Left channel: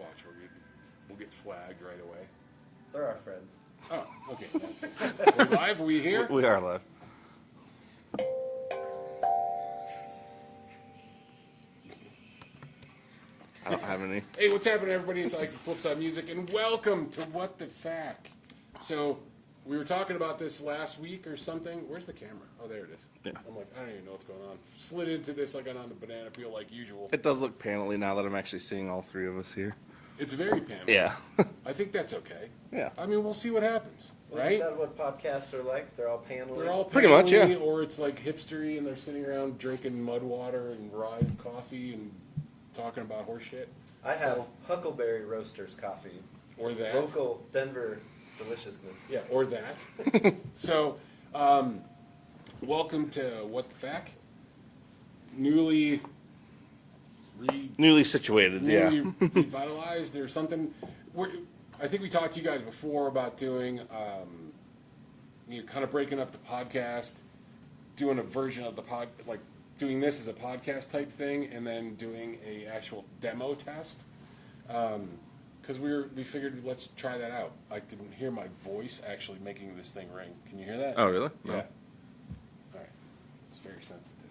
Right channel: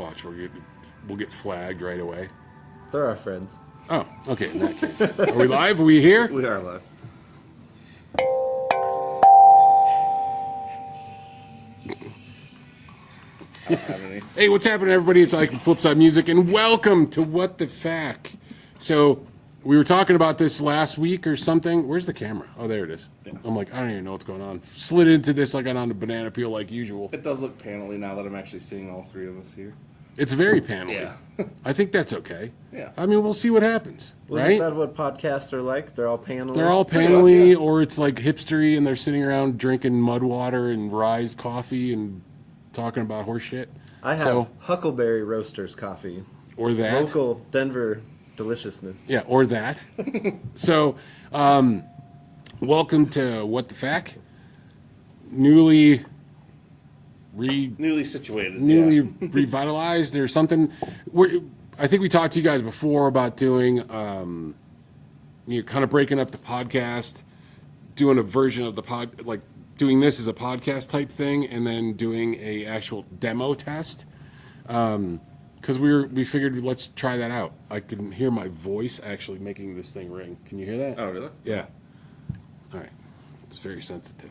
Watch, we'll get flagged right away. They're our friends. Oh, okay. In that case, are we live? Are we here? We are live. I don't have any. Hey, what's happening, everybody? It's Ike from Flipside Music, and welcome to What the Fact. So, we were talking about this last week or something. Where's the camera? Oh, there it is. Yeah. I'm like, I don't even know what's going on. Slid into this like I got on a banana peel like usual. It does look panely now that I'm actually seeing all three of us here. It's very panel. Yeah. I think that's okay. Yeah. I mean, we'll see what happens, Isn't right? that what podcasts are like? They're all paneling. They're all Pretty much, panely, yeah. or it's like hipstery, and they're sitting around drinking mud water and Rise coffee and talking about horse shit. I have Huckleberry Roasters coffee. Or that. Local Denver deliciousness. Yeah, or that. So, welcome to What the Fact. Newly situated. revitalized or something. I think we talked to you guys before about doing, kind of breaking up the podcast, doing a version of the like doing this as a podcast type thing, and then doing a actual demo test. Because we figured let's try that out. I can hear my voice actually making this thing ring. Can you hear that? Oh, really? Yeah. All right. It's very sensitive.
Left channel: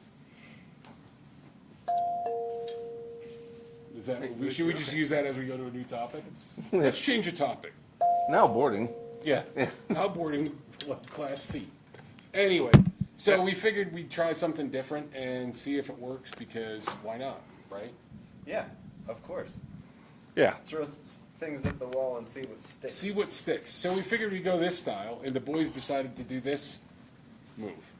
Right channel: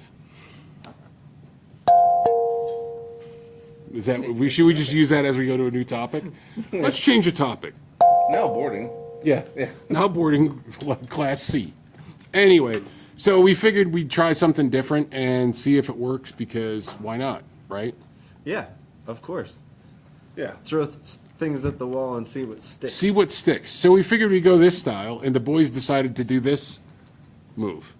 Is that should we just use that as we go to a new topic? Let's change the topic. Now boarding. Yeah. Now boarding class C. Anyway, so we figured we'd try something different and see if it works because why not, right? Yeah, of course. Yeah. Throw things at the wall and see what sticks. See what sticks. So we figured we'd go this style, and the boys decided to do this move.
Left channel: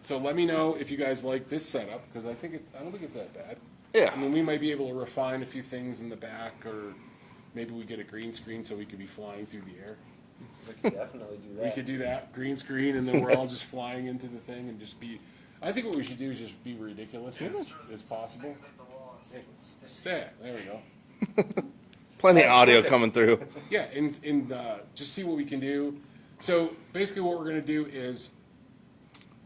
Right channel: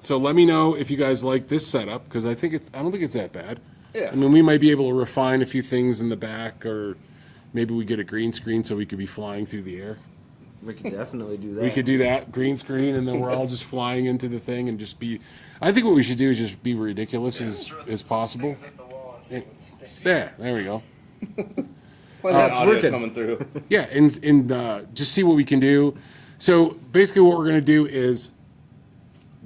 So let me know if you guys like this setup because I don't think it's that bad. Yeah. I mean, we might be able to refine a few things in the back, or maybe we get a green screen so we could be flying through the air. We could definitely do that. We could do that, green screen, and then we're all just flying into the thing and just be. I think what we should do is just be ridiculous as possible. Yeah, there we go. Plenty of audio working. coming through. Yeah, and just see what we can do. So basically, what we're going to do is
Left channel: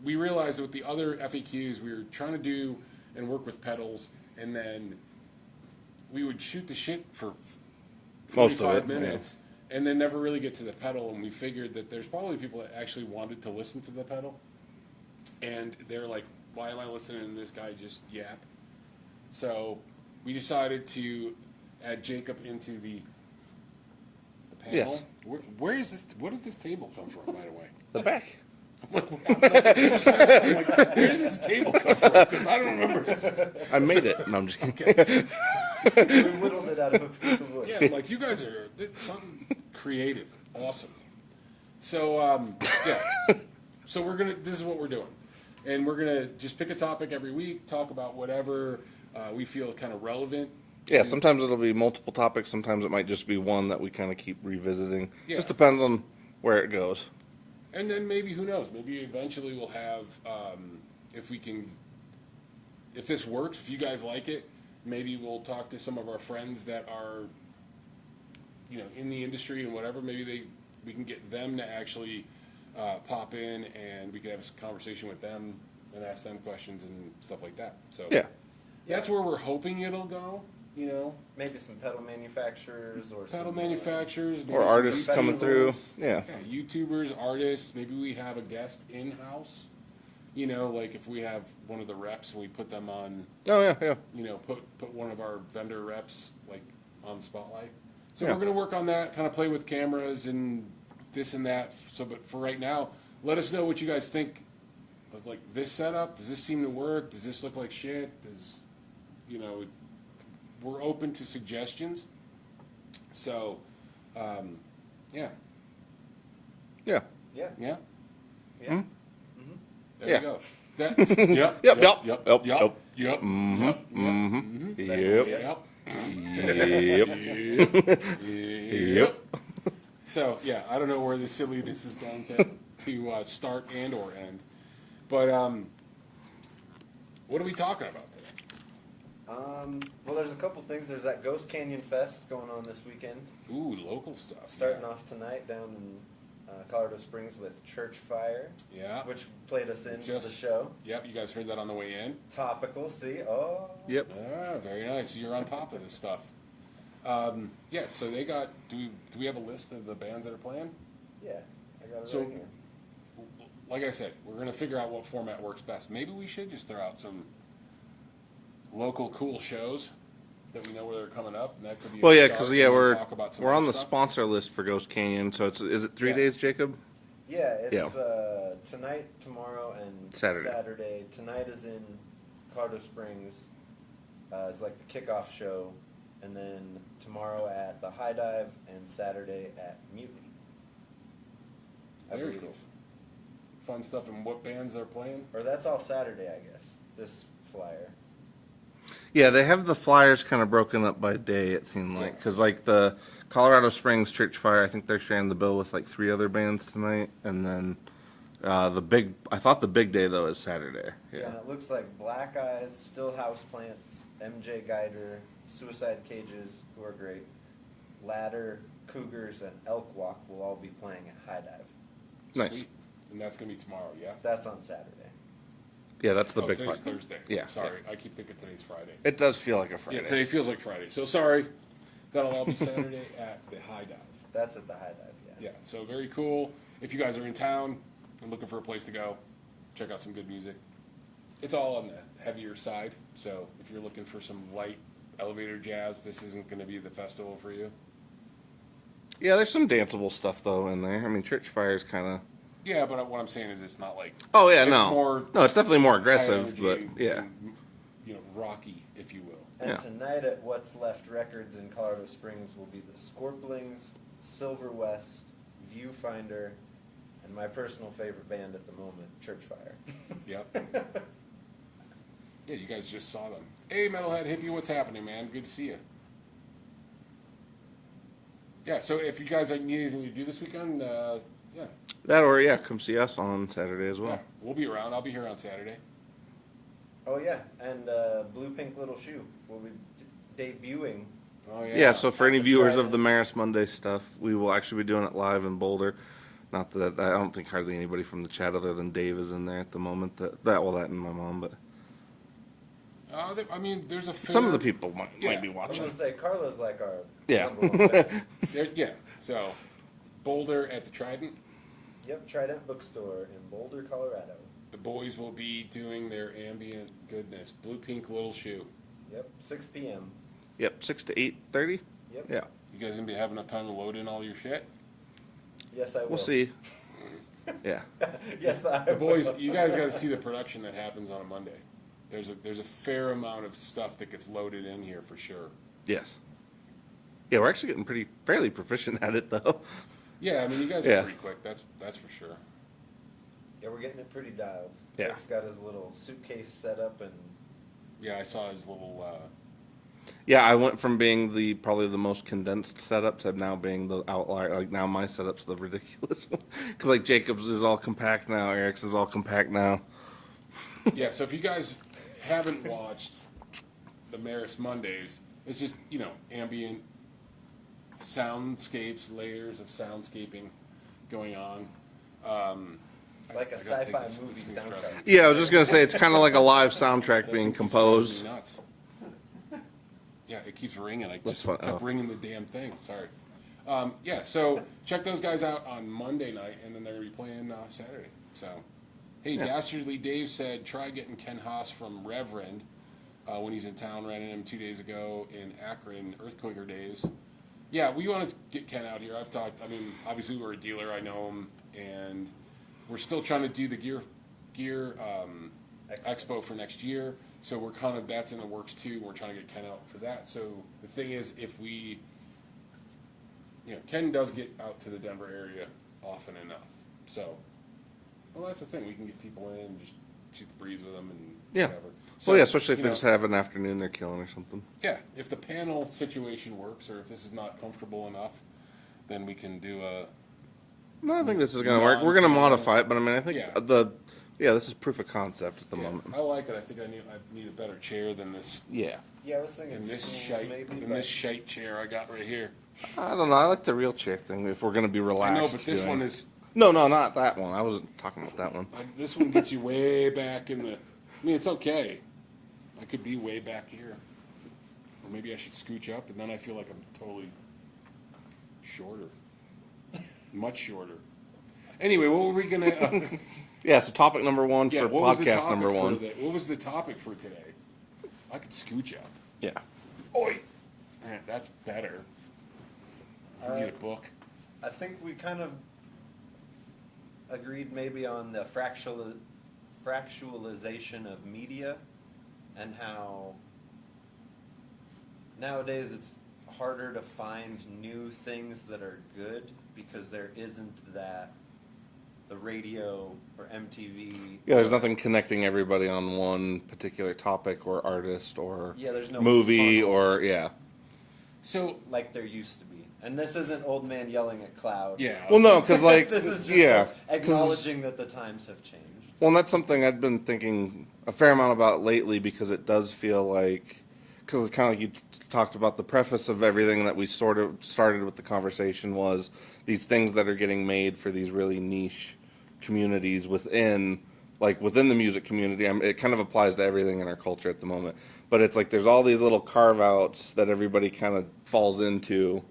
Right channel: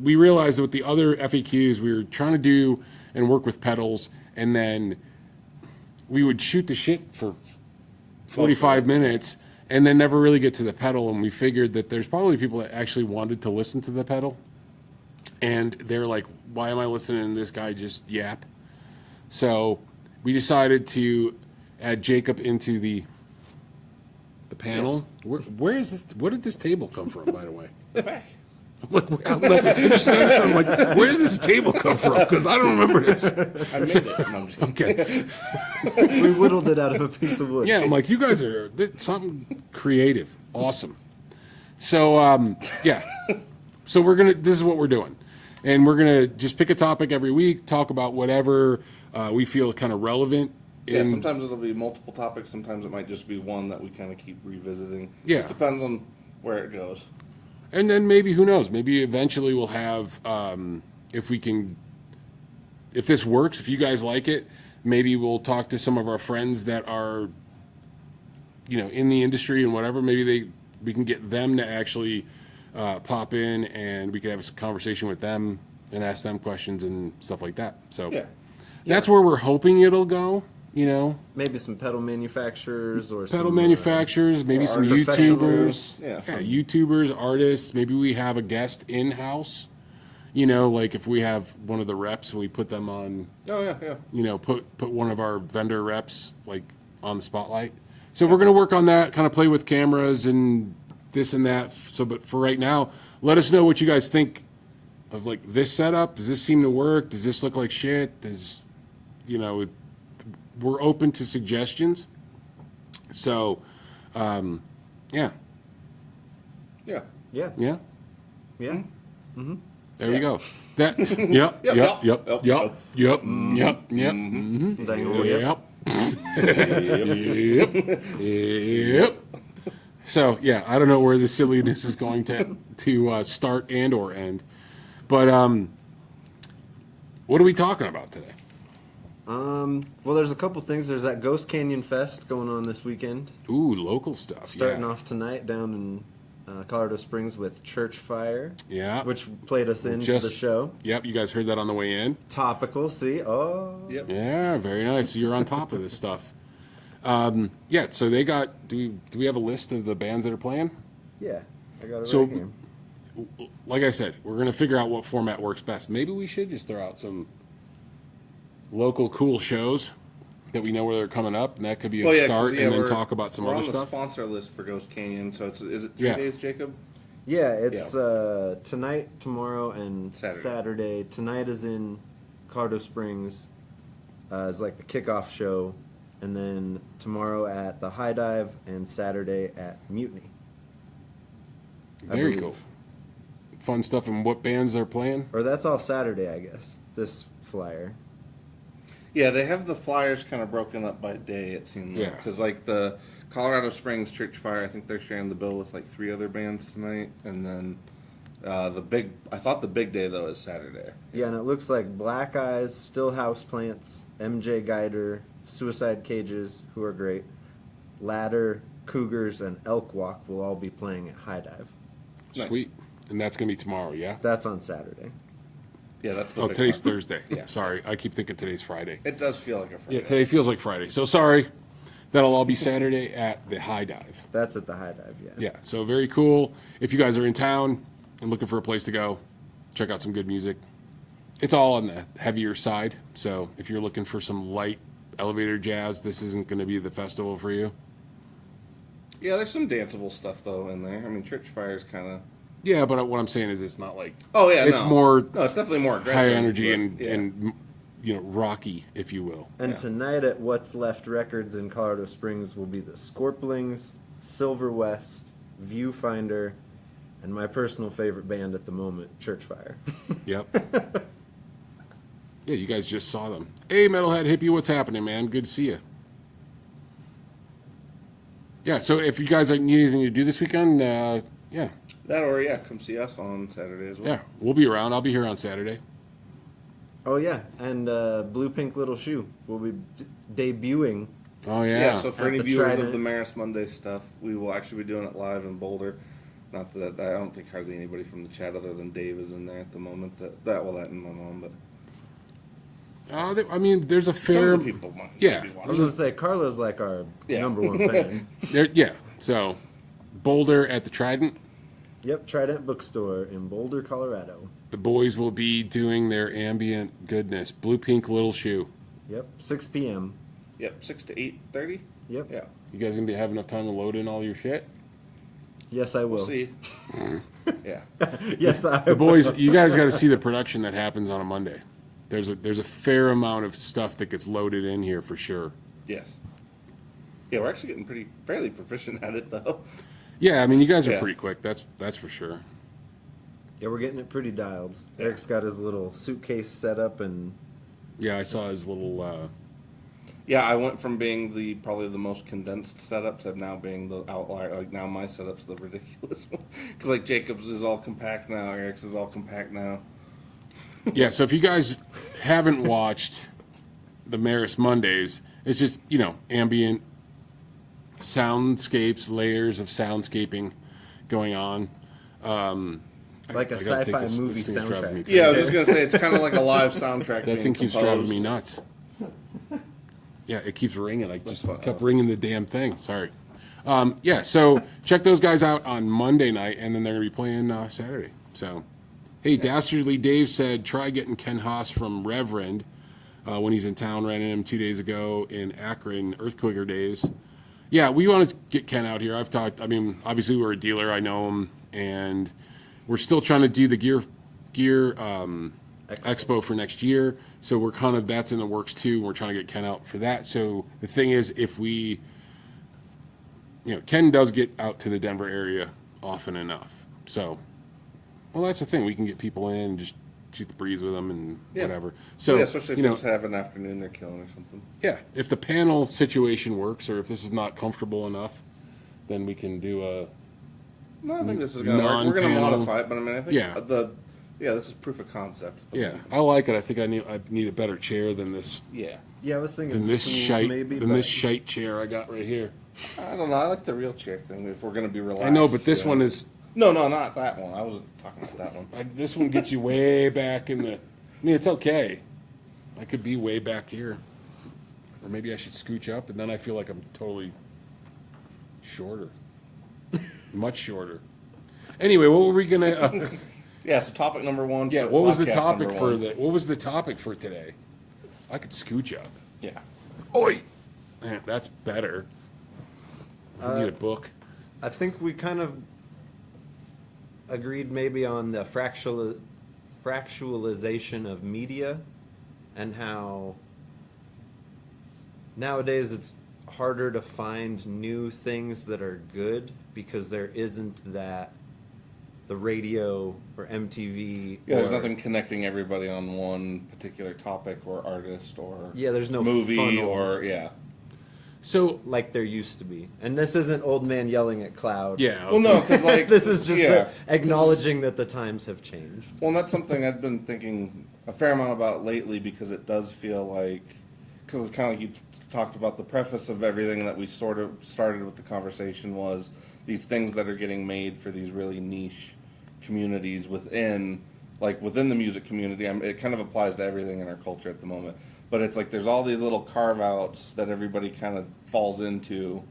we realized that with the other FAQs, we were trying to do and work with pedals, and then we would shoot the shit for 45 minutes and then never really get to the pedal. And we figured that there's probably people that actually wanted to listen to the pedal, and they're like, why am I listening to this guy just yap? So we decided to add Jacob into the panel. Yes. Where is this? Where did this table come from, by the way? The back. I'm like, where does this table come from? Because I don't remember this. I made it. No, I'm just kidding. Okay. We whittled it out of a piece of wood. Yeah, I'm like, you guys are something creative. Awesome. So, yeah. So this is what we're doing. And we're going to just pick a topic every week, talk about whatever we feel kind of relevant. Yeah, sometimes it'll be multiple topics. Sometimes it might just be one that we kind of keep revisiting. Yeah. Just depends on where it goes. And then maybe, who knows, maybe eventually we'll have, if this works, if you guys like it, maybe we'll talk to some of our friends that are, in the industry and whatever. Maybe we can get them to actually pop in and we could have a conversation with them and ask them questions and stuff like that. So that's where we're hoping it'll go. Maybe some pedal manufacturers or pedal some, manufacturers, maybe or some artists YouTubers. Yeah, YouTubers, artists. Maybe we have a guest in-house. Like if we have one of the reps and we put them on. Oh yeah. Put one of our vendor reps like on the spotlight. So we're gonna work on that, kind of play with cameras and this and that. So, but for right now, let us know what you guys think of like this setup. Does this seem to work? Does this look like shit? We're open to suggestions. So, yeah. Yeah. Yeah. Yeah. Yeah. There Yeah. you go. That. Yep. So yeah, I don't know where the silliness is going to start and or end, but what are we talking about today? Well, there's a couple things. There's that Ghost Canyon Fest going on this weekend. Ooh, local stuff. Starting off tonight down in Colorado Springs with Church Fire. Yeah. Which played us into the show. Yep, you guys heard that on the way in. Topical, see? Oh. Yep. Yeah, very nice. You're on top of this stuff. Yeah, so they got. Do we have a list of the bands that are playing? Yeah, I got it So- right here. Like I said, we're gonna figure out what format works best. Maybe we should just throw out some local cool shows that we know where they're coming up, and that could be a Well, yeah, start. because yeah, and then we're talk about some we're other on the stuff. sponsor list for Ghost Canyon. So is it 3 Yeah. days, Jacob? Yeah, it's tonight, tomorrow, and Saturday. Saturday. Tonight is in Colorado Springs. It's like the kickoff show, and then tomorrow at the High Dive, and Saturday at Mutiny. I Very believe. cool. Fun stuff. And what bands they're playing? Or that's all Saturday, I guess. This flyer. Yeah, they have the flyers kind of broken up by day. It seemed like Yeah. because like the Colorado Springs Church Fire, I think they're sharing the bill with like 3 other bands tonight, and then I thought the big day though is Saturday. Yeah, and it looks like Black Eyes, Still House Plants, MJ Guider, Suicide Cages, who are great, Ladder, Cougars, and Elk Walk will all be playing at High Dive. Nice. Sweet. And that's gonna be tomorrow. Yeah. That's on Saturday. Yeah, that's the Oh, big today's part. Thursday. Yeah. Sorry, I keep thinking today's Friday. It does feel like a Friday. Yeah, today feels like Friday. So sorry. That'll all be Saturday at the High Dive. That's at the High Dive, yeah. Yeah, so very cool. If you guys are in town and looking for a place to go, check out some good music. It's all on the heavier side. So if you're looking for some light elevator jazz, this isn't going to be the festival for you. Yeah, there's some danceable stuff though in there. I mean, Church Fire is kind of. Yeah, but what I'm saying is it's not like Oh yeah, it's no. more No, it's definitely more aggressive. high energy but, and, yeah. and rocky, if you will. And Yeah. tonight at What's Left Records in Colorado Springs will be the Scorplings, Silver West, Viewfinder, and my personal favorite band at the moment, Church Fire. Yep. Yeah, you guys just saw them. Hey, Metalhead Hippie, what's happening, man? Good to see you. Yeah, so if you guys need anything to do this weekend, yeah, That or yeah, come see us on Saturday as well. yeah, we'll be around. I'll be here on Saturday. Oh yeah, and Blue Pink Little Shoe will be debuting. Oh yeah. Yeah, so for At any the viewers of Trident. the Maris Monday stuff, we will actually be doing it live in Boulder. Not that I don't think hardly anybody from the chat other than Dave is in there at the moment. That and my mom, but I mean, there's a fair. some of the people might Yeah. be I was watching. gonna say Carla's like our Yeah. number one fan. Yeah. So, Boulder at the Trident. Yep, Trident Bookstore in Boulder, Colorado. The boys will be doing their ambient goodness. Blue Pink Little Shoe. Yep, 6 p.m. Yep, 6 to 8:30. Yep. Yeah, You guys gonna be having enough time to load in all your shit? Yes, I will. we'll see. Yeah, Yes, I The will. boys, you guys got to see the production that happens on a Monday. There's a fair amount of stuff that gets loaded in here for sure. yes. Yeah, we're actually getting fairly proficient at it though. Yeah, I mean, you guys are Yeah. pretty quick. That's for sure. Yeah, we're getting it pretty dialed. Yeah. Eric's got his little suitcase set up, and Yeah, I saw his little. Yeah, I went from being probably the most condensed setup to now being the outlier. Like now my setup's the ridiculous one because like Jacob's is all compact now, Eric's is all compact now. Yeah, so if you guys haven't watched the Maris Mondays, it's just ambient soundscapes, layers of soundscaping going on. like a I gotta take sci-fi this movie thing's driving me soundtrack. Yeah, I was just gonna say it's kind of like a live soundtrack That being thing keeps driving composed. me nuts. Yeah, it keeps ringing. I just fun. kept Oh. ringing the damn thing. Sorry. Yeah, so check those guys out on Monday night, and then they're going to be playing Saturday. So, hey, Dastardly Dave said, try getting Ken Haas from Reverend when he's in town. Ran into him 2 days ago in Akron, Earthquaker days. Yeah, we want to get Ken out here. I've talked, I mean, obviously we're a dealer. I know him, and we're still trying to do the gear expo for next year. So we're kind of, that's in the works too. We're trying to get Ken out for that. So the thing is, if we, Ken does get out to the Denver area often enough. So, well, that's the thing. We can get people in and just shoot the breeze with them and Yeah. whatever. So So, yeah, especially if you they know, just have an afternoon they're killing or something. yeah, if the panel situation works or if this is not comfortable enough, then we can do a, No, I think this is gonna work. We're gonna Non-panel. modify it, but I mean, I think Yeah. this is proof of concept at the yeah, moment. I like it. I think I need a better chair than this, Yeah. Yeah, I was thinking than this stools shite, maybe. than but this shite chair I got right here. I don't know. I like the real chair thing. If we're gonna be relaxed. I know, but this yeah. one is, No, not that one. I wasn't talking about that one. this one gets you way back in the, I mean, it's okay. I could be way back here. Or or maybe I should scooch up, and then I feel like I'm totally shorter, much shorter. Anyway, what were we gonna? Yeah, so topic number one Yeah, for what was the podcast topic number for one. what was the topic for today? I could scooch up. Yeah. Oi, man, that's better. I need a book. I think we kind of agreed maybe on the fractalization of media and how nowadays it's harder to find new things that are good because there isn't that the radio or MTV. Yeah, there's or- nothing connecting everybody on one particular topic or artist or Yeah, there's no movie funnel or yeah. So like there used to be. And this isn't old man yelling at cloud. yeah, Well, no, because like This is just yeah. acknowledging that the times have changed. Well, and that's something I've been thinking a fair amount about lately because it does feel like, because it's kind of like you talked about the preface of everything that we sort of started with the conversation was these things that are getting made for these really niche communities within the music community. It kind of applies to everything in our culture at the moment. But it's like there's all these little carve outs that everybody kind of falls into,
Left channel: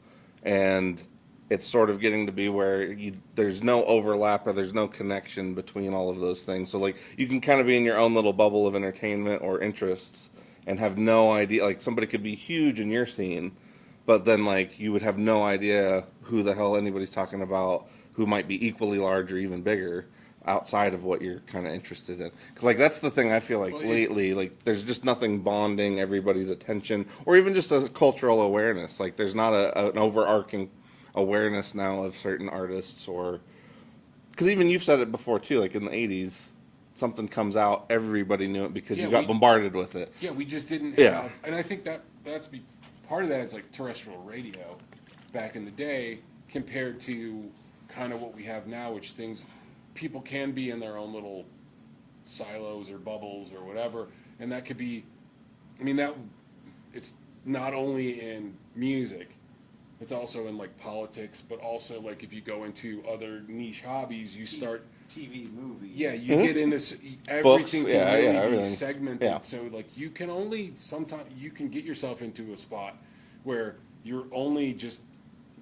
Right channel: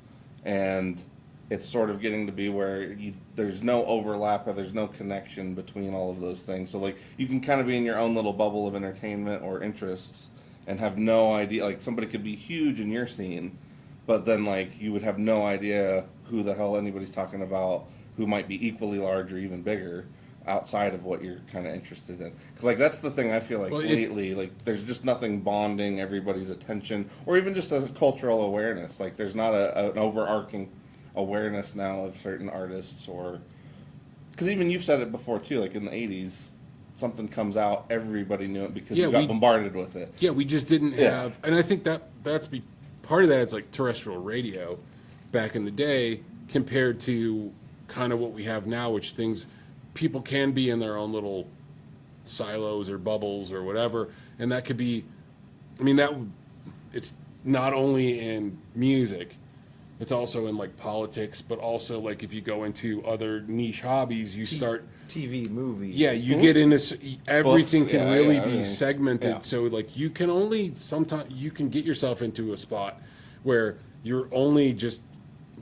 and it's sort of getting to be where there's no overlap or there's no connection between all of those things. So like you can kind of be in your own little bubble of entertainment or interests and have no idea. Like somebody could be huge in your scene, but then like you would have no idea who the hell anybody's talking about who might be equally large or even bigger outside of what you're kind of interested in. Because like that's the thing I feel like Well, lately, like there's just nothing bonding everybody's attention or even just a cultural awareness. Like there's not an overarching awareness now of certain artists or because even you've said it before too, like in the 80s something comes out, everybody knew it because Yeah, you got we- bombarded with it. yeah, we just didn't Yeah. have, and I think that's part of that is like terrestrial radio back in the day compared to kind of what we have now, which people can be in their own little silos or bubbles or whatever, and that could be, I mean it's not only in music, it's also in like politics, but also like if you go into other niche hobbies, you start. TV, movies. Yeah, you get into everything Books, can yeah, really yeah, be everything's- segmented. yeah. So like you can only sometimes you can get yourself into a spot where you're only just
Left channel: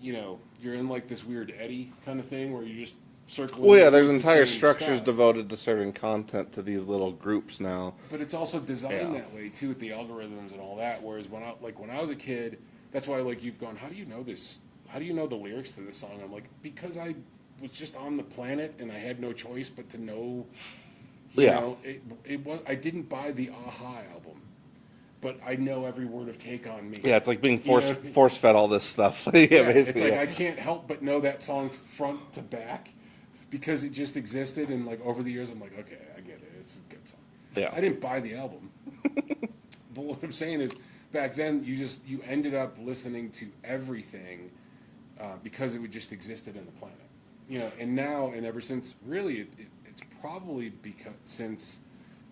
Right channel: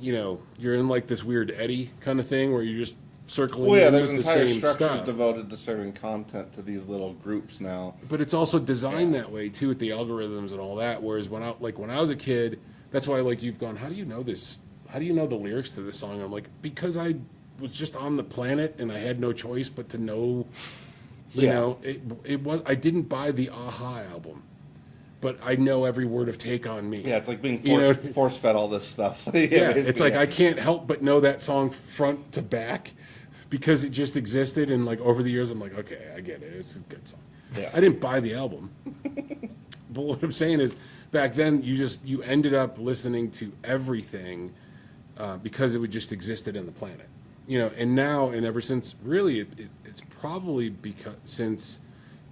you're in like this weird eddy kind of thing where you're just circling. Well, yeah, in there's with the entire same structures stuff. devoted to serving content to these little groups now. But it's also designed Yeah. that way too with the algorithms and all that. Whereas when I was a kid, that's why like you've gone, how do you know this? How do you know the lyrics to this song? I'm like, because I was just on the planet and I had no choice but to know. Yeah. It was. I didn't buy the Aha album, but I know every word of Take on Me. Yeah, it's like being You know- force fed all this stuff. Yeah, Yeah, it's basically, like yeah. I can't help but know that song front to back because it just existed, and like over the years, I'm like, okay, I get it. It's a good song. Yeah. I didn't buy the album, but what I'm saying is, back then you ended up listening to everything because it would just existed in the planet, And now and ever since, really, it's probably because since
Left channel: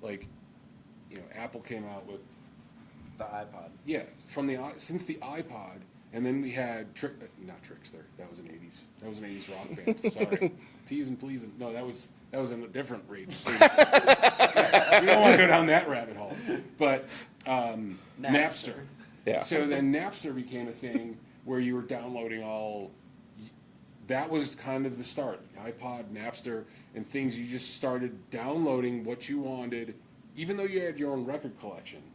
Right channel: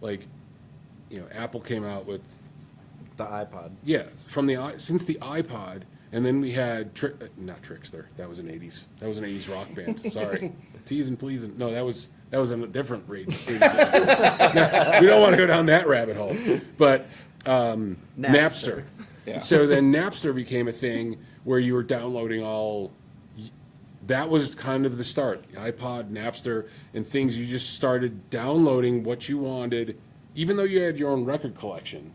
like Apple came out with. The iPod. Yeah, since the iPod, and then we had not Trickster. That was an '80s rock band. Sorry, Tease and Please. No, that was a different rage. We don't want to go down that rabbit hole. But Napster. Yeah. So then Napster became a thing where you were downloading all. That was kind of the start. iPod, Napster, and things. You just started downloading what you wanted, even though you had your own record collection.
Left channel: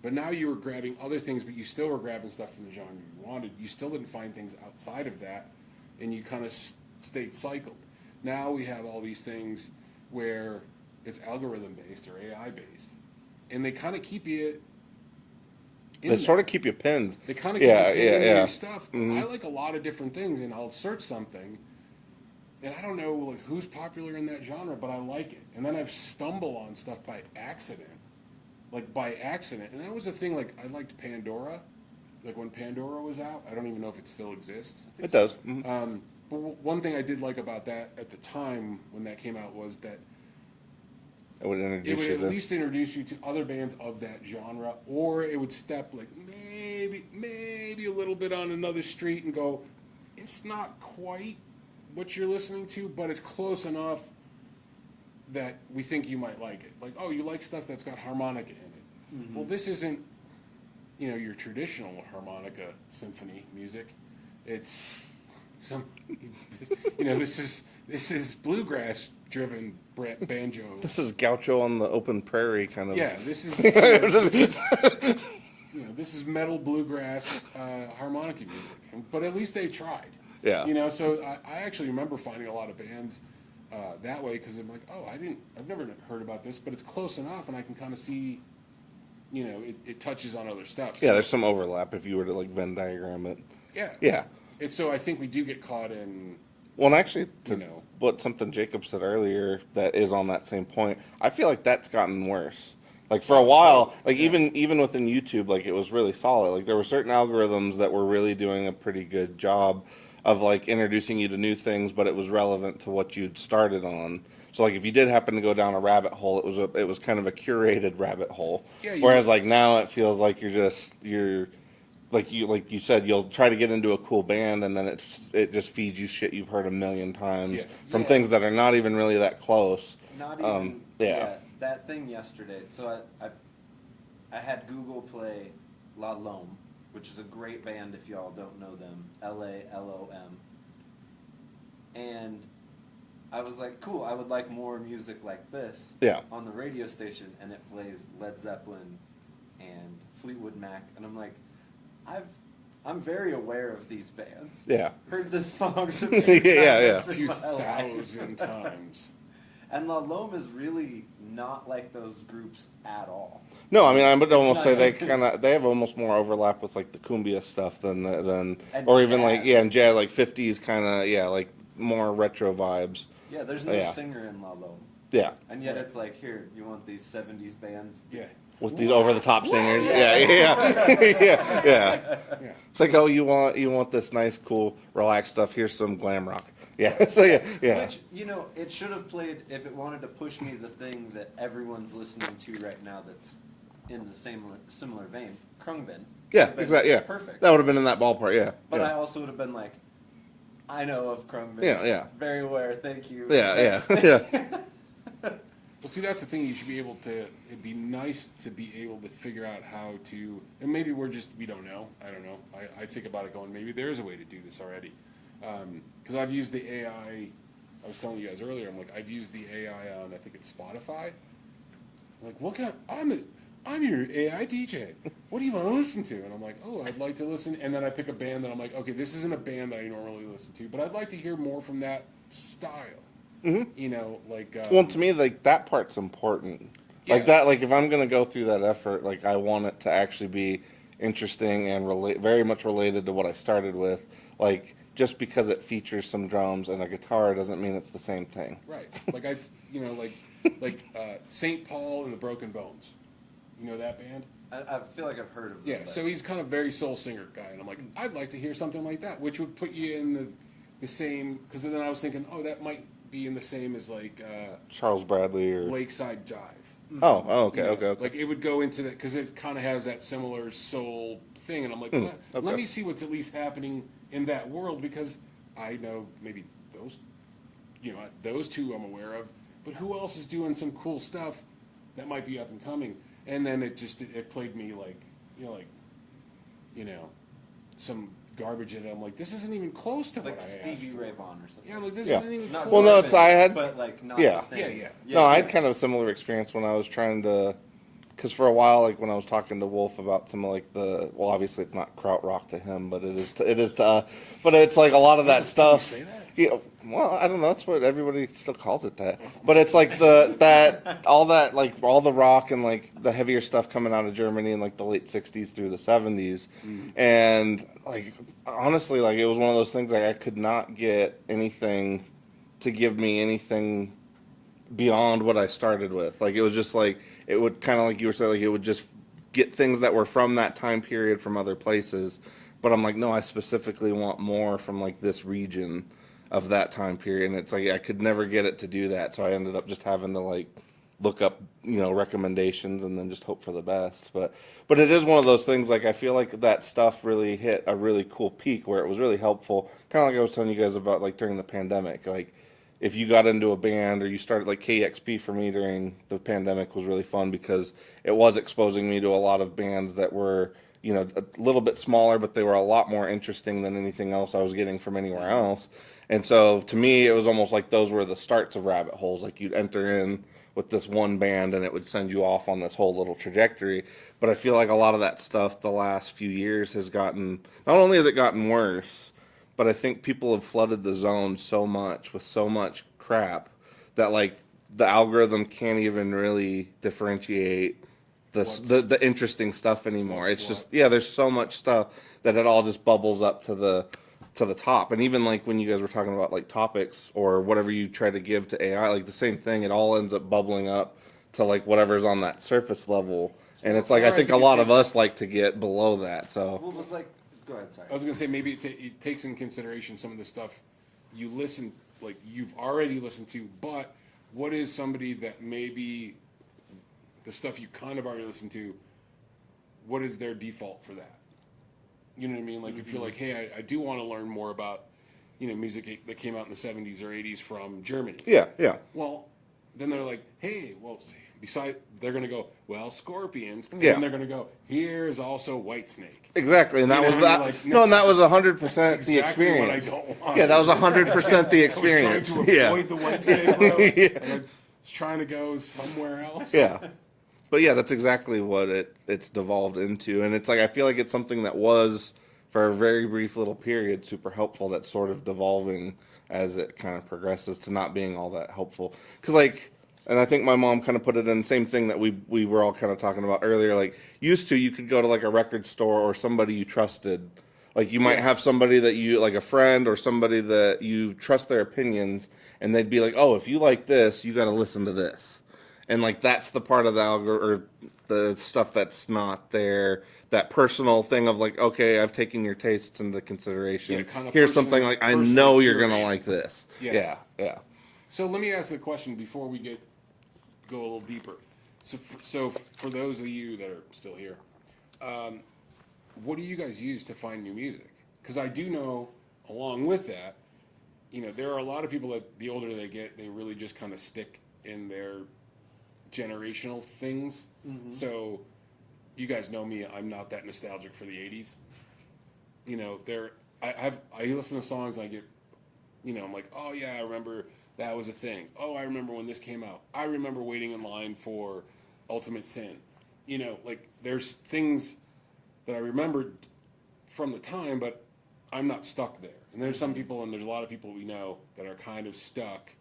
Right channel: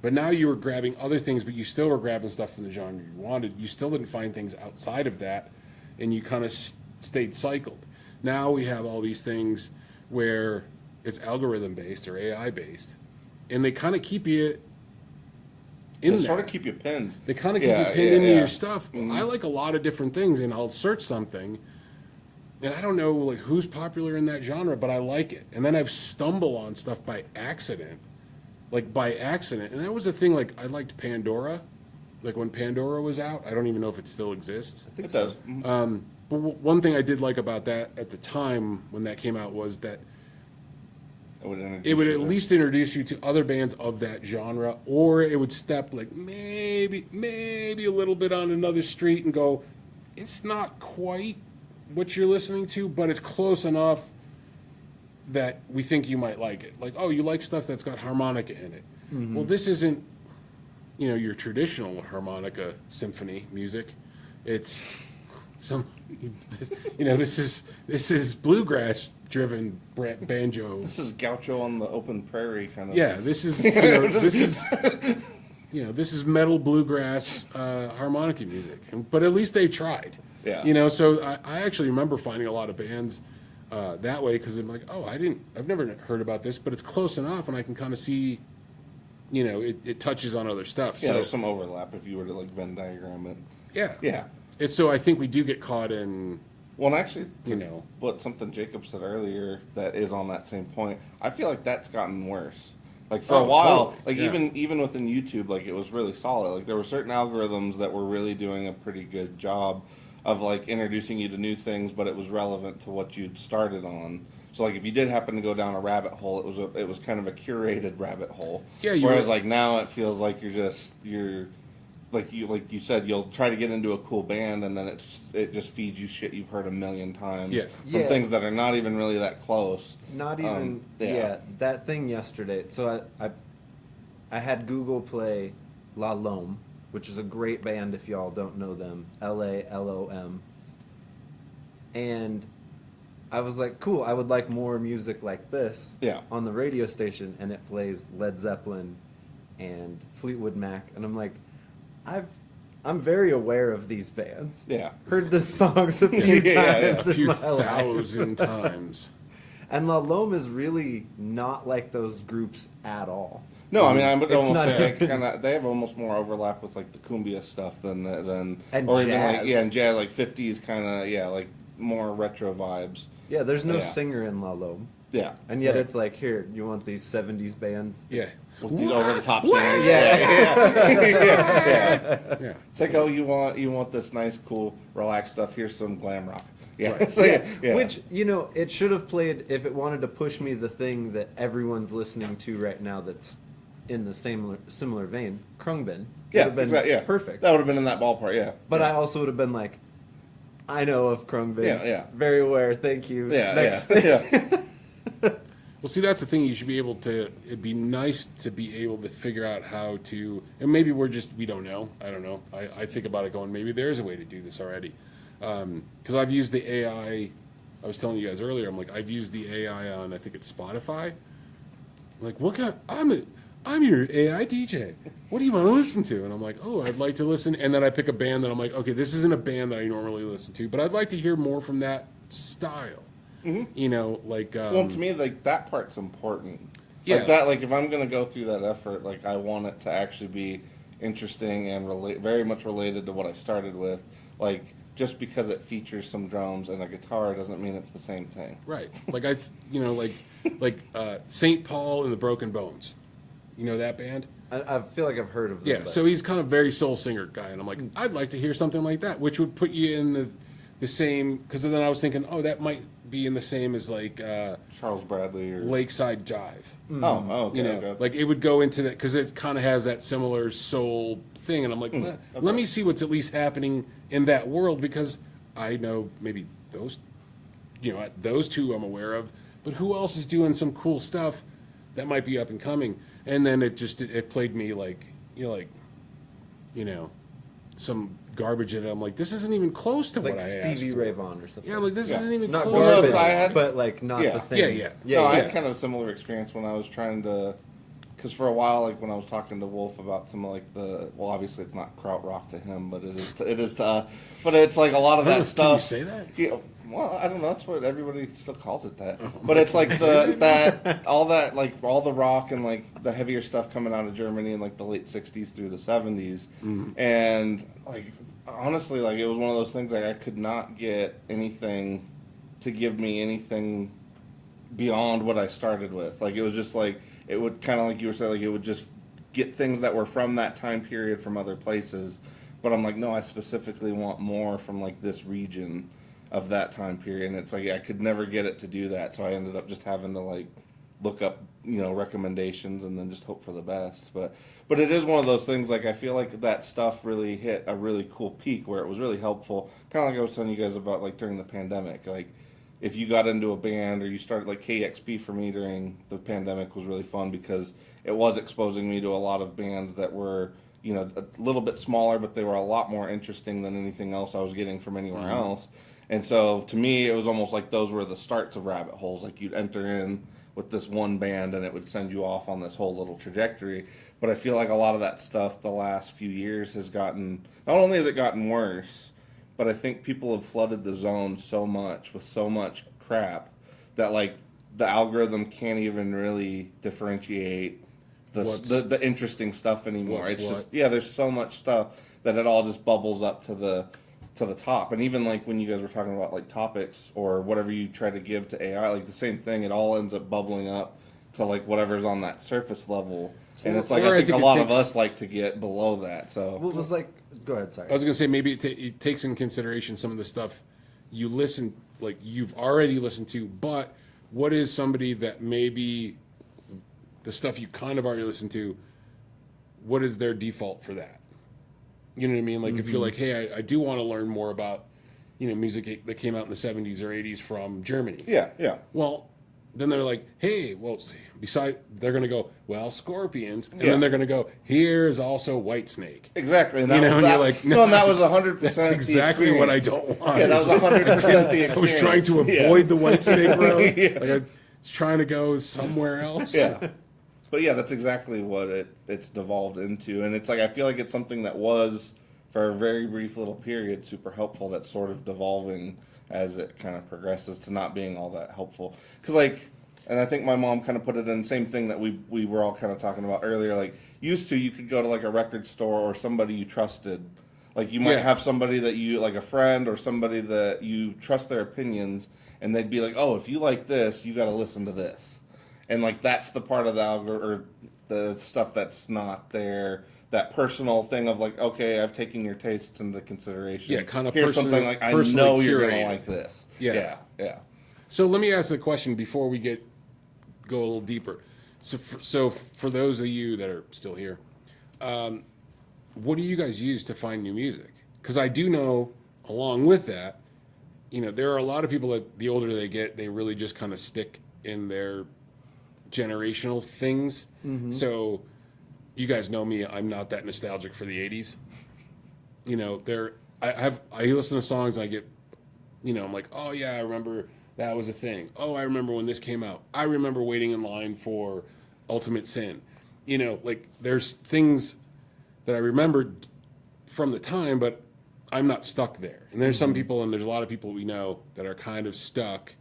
But now you were grabbing other things, but you still were grabbing stuff from the genre you wanted. You still didn't find things outside of that, and you kind of stayed cycled. Now we have all these things where it's algorithm based or AI based, and they kind of keep you in They there. sort of keep you pinned. They kind of keep you pinned into your stuff. I like a lot of different things, and I'll search something, and I don't know like who's popular in that genre, but I like it. And then I've stumbled on stuff by accident. And that was a thing, like, I liked Pandora, like, when Pandora was out. I don't even know if it still exists. It does. Mhm. But one thing I did like about that at the time when that came out was that It would introduce it would you at to- least introduce you to other bands of that genre, or it would step, like, maybe a little bit on another street and go, it's not quite what you're listening to, but it's close enough that we think you might like it. Like, oh, you like stuff that's got harmonica in it. Well, this isn't your traditional harmonica symphony music. It's some, this is bluegrass driven banjo. This is Gaucho on the open prairie kind of. Yeah, this is this is metal bluegrass harmonica music. But at least they tried. Yeah. So I actually remember finding a lot of bands that way because I'm like, I've never heard about this, but it's close enough, and I can kind of see, it touches on other stuff. Yeah, So, there's some overlap if you were to like Venn diagram it. yeah. Yeah. It's so I think we do get caught in. Well, and actually, You know. what something Jacob said earlier that is on that same point, I feel like that's gotten worse. Like for a while, totally. like Yeah. even within YouTube, like it was really solid. Like there were certain algorithms that were really doing a pretty good job of like introducing you to new things, but it was relevant to what you'd started on. So like if you did happen to go down a rabbit hole, it was kind of a curated rabbit hole. Yeah, Whereas like now it feels like you're like you said, you'll try to get into a cool band, and then it just feeds you shit you've heard a million times Yeah. from Yeah. things that are not even really that close. Not even yeah. that thing yesterday. So I had Google play La Lome, which is a great band if y'all don't know them. LALOM. And I was like, cool, I would like more music like this Yeah. on the radio station, and it plays Led Zeppelin and Fleetwood Mac, and I'm like, I'm very aware of these bands. Yeah. Heard the songs a few Yeah, times A in few my life. thousand times. And La Lome is really not like those groups at all. No, I mean I would It's almost not- say they have almost more overlap with like the cumbia stuff than And or even like jazz. and jazz like 50s kind of like more retro vibes. Yeah, there's no Yeah. singer in La Lome. Yeah. And yet Right. it's like, here, you want these 70s bands? Yeah. With these over the top singers. Yeah. Yeah. Yeah. It's like, oh, you want this nice, cool, relaxed stuff. Here's some glam rock. Yeah. So, yeah. Which, it should have played, if it wanted to push me the thing that everyone's listening to right now that's in the similar vein, Krungbin. Yeah, Would have been exactly. Yeah. Perfect. That would have been in that ballpark. Yeah. But yeah. I also would have been like, I know of Krungbin. Yeah. Very aware, thank you. Yeah. Next Yeah. thing. Yeah. Well, see, that's the thing. You should be able to. It'd be nice to be able to figure out how to. And maybe we don't know. I don't know. I think about it going, maybe there is a way to do this already. Because I've used the AI. I was telling you guys earlier. I'm like, I've used the AI on. I think it's Spotify. Like, what kind? I'm your AI DJ. What do you want to listen to? And I'm like, oh, I'd like to listen. And then I pick a band that I'm like, okay, this isn't a band that I normally listen to, but I'd like to hear more from that style. Like. Well, to me, like that part's important. Yeah. Like that, like if I'm gonna go through that effort, like I want it to actually be interesting and very much related to what I started with. Like just because it features some drums and a guitar doesn't mean it's the same thing. Right. Like like St. Paul and the Broken Bones. You know that band? I feel like I've heard of them. Yeah. but- So he's kind of very soul singer guy, and I'm like, I'd like to hear something like that, which would put you in the same. Because then I was thinking, oh, that might be in the same as like Charles Bradley or Lakeside Jive. oh okay, You know, okay. like it would go into that because it kind of has that similar soul thing, and I'm like, well, okay. let me see what's at least happening in that world because I know maybe those two I'm aware of, but who else is doing some cool stuff that might be up and coming? And then it played me like some garbage in it. I'm like, this isn't even close to like what I asked Stevie for. Ray Vaughan or something. Yeah, like this Yeah. isn't even Not close. Well, no, garbage, so I had- but like not Yeah. the thing. Yeah. No, I had kind of a similar experience when I was trying to, because for a while, like when I was talking to Wolf about some of like well, obviously it's not krautrock to him, but it is to, but it's like a lot of I don't that know, stuff. Can you say that? Yeah, well, I don't know. That's what everybody still calls it that. But it's like all the rock and like the heavier stuff coming out of Germany in like the late '60s through the '70s, and like honestly, like it was one of those things like I could not get anything to give me anything beyond what I started with. Like it was just like it would kind of like you were saying, like it would just get things that were from that time period from other places. But I'm like, no, I specifically want more from like this region of that time period, and it's like I could never get it to do that, so I ended up just having to like look up recommendations and then just hope for the best. But it is one of those things, like I feel like that stuff really hit a really cool peak where it was really helpful, kind of like I was telling you guys about like during the pandemic. Like if you got into a band or you started, like KXP for me during the pandemic was really fun because it was exposing me to a lot of bands that were you know, a little bit smaller, but they were a lot more interesting than anything else I was getting from anywhere else. And so to me, it was almost like those were the starts of rabbit holes. Like you'd enter in with this one band and it would send you off on this whole little trajectory. But I feel like a lot of that stuff the last few years has gotten, not only has it gotten worse, but I think people have flooded the zone so much with so much crap that like the algorithm can't even really differentiate the interesting stuff anymore. It's just, yeah, there's so much stuff that it all just bubbles up to the top. And even like when you guys were talking about like topics or whatever you try to give to AI, like the same thing, it all ends up bubbling up to like whatever's on that surface level. And it's like, I think a lot of us like to get below that. So What was like? Go ahead. Sorry. I was gonna say maybe it takes in consideration some of the stuff you listen, like you've already listened to, but what is somebody that maybe the stuff you kind of already listened to, what is their default for that? You know what I mean? Like if you're like, hey, I do want to learn more about, you know, music that came out in the 70s or 80s from Germany. yeah. Well, then they're like, hey, well, they're going to go, well, Scorpions. And Yeah. then they're going to go, here's also Whitesnake. Exactly, and that You know, was and that. you're like, no, and that was 100% That's the exactly what I experience. don't want. Yeah, that was 100% the I was experience. trying to avoid the Whitesnake road. Like I was trying to go somewhere else. Yeah. But yeah, that's exactly what it's devolved into. And it's like, I feel like it's something that was, for a very brief little period, super helpful, that's sort of devolving as it kind of progresses to not being all that helpful. Because like, and I think my mom kind of put it in the same thing that we were all kind of talking about earlier. Like, used to, you could go to like a record store or somebody you trusted. Like you might have somebody that you, like a friend or somebody that you trust their opinions, and they'd be like, oh, if you like this, you got to listen to this. And like that's the part of the or the stuff that's not there. That personal thing of like, okay, I've taken your tastes into consideration. Yeah, kind of here's something like I know you're gonna like this. Yeah. Yeah. So let me ask a question before we go a little deeper. So for those of you that are still here, what do you guys use to find new music? Because I do know, along with that, you know, there are a lot of people that the older they get, they really just kind of stick in their generational things. So you guys know me, I'm not that nostalgic for the 80s. You know, I listen to songs and I get, you know, I'm like, oh yeah, I remember that was a thing. Oh, I remember when this came out. I remember waiting in line for Ultimate Sin. You know, like there's things that I remembered from the time, but I'm not stuck there. And there's some people, and there's a lot of people we know that are kind of stuck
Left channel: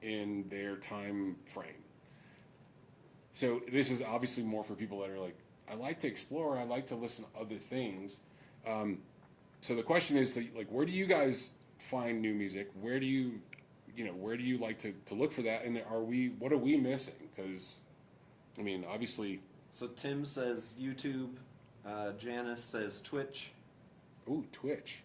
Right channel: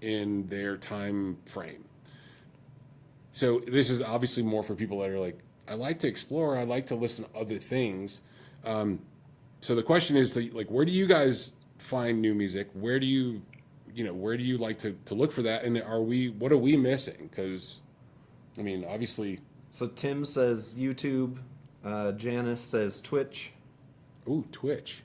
in their time frame. So this is obviously more for people that are like, I like to explore, I like to listen to other things. So the question is, like, where do you guys find new music? Where do you like to look for that? And what are we missing? Because, I mean, obviously. So Tim says YouTube. Janice says Twitch. Ooh, Twitch.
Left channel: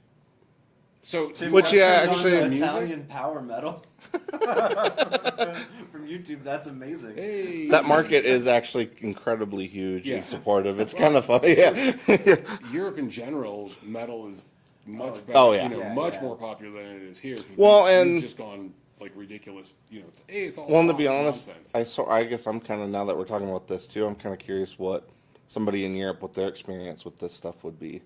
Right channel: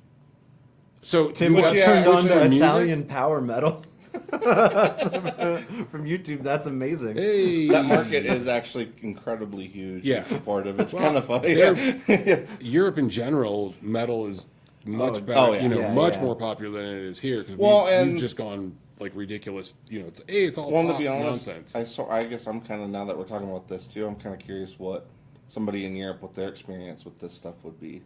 So Tim Which, got yeah, turned on actually, to music? Italian power metal from YouTube. That's amazing. Hey, That market is actually incredibly huge Yeah. and supportive. It's kind of funny. Yeah. Europe in general, metal is much better. oh, yeah. Yeah. More popular than it is here. 'Cause Well, we've just gone like ridiculous. You know, it's all Well, to pop be honest, nonsense. I guess I'm kind of, now that we're talking about this too, I'm kind of curious what somebody in Europe, what their experience with this stuff would be.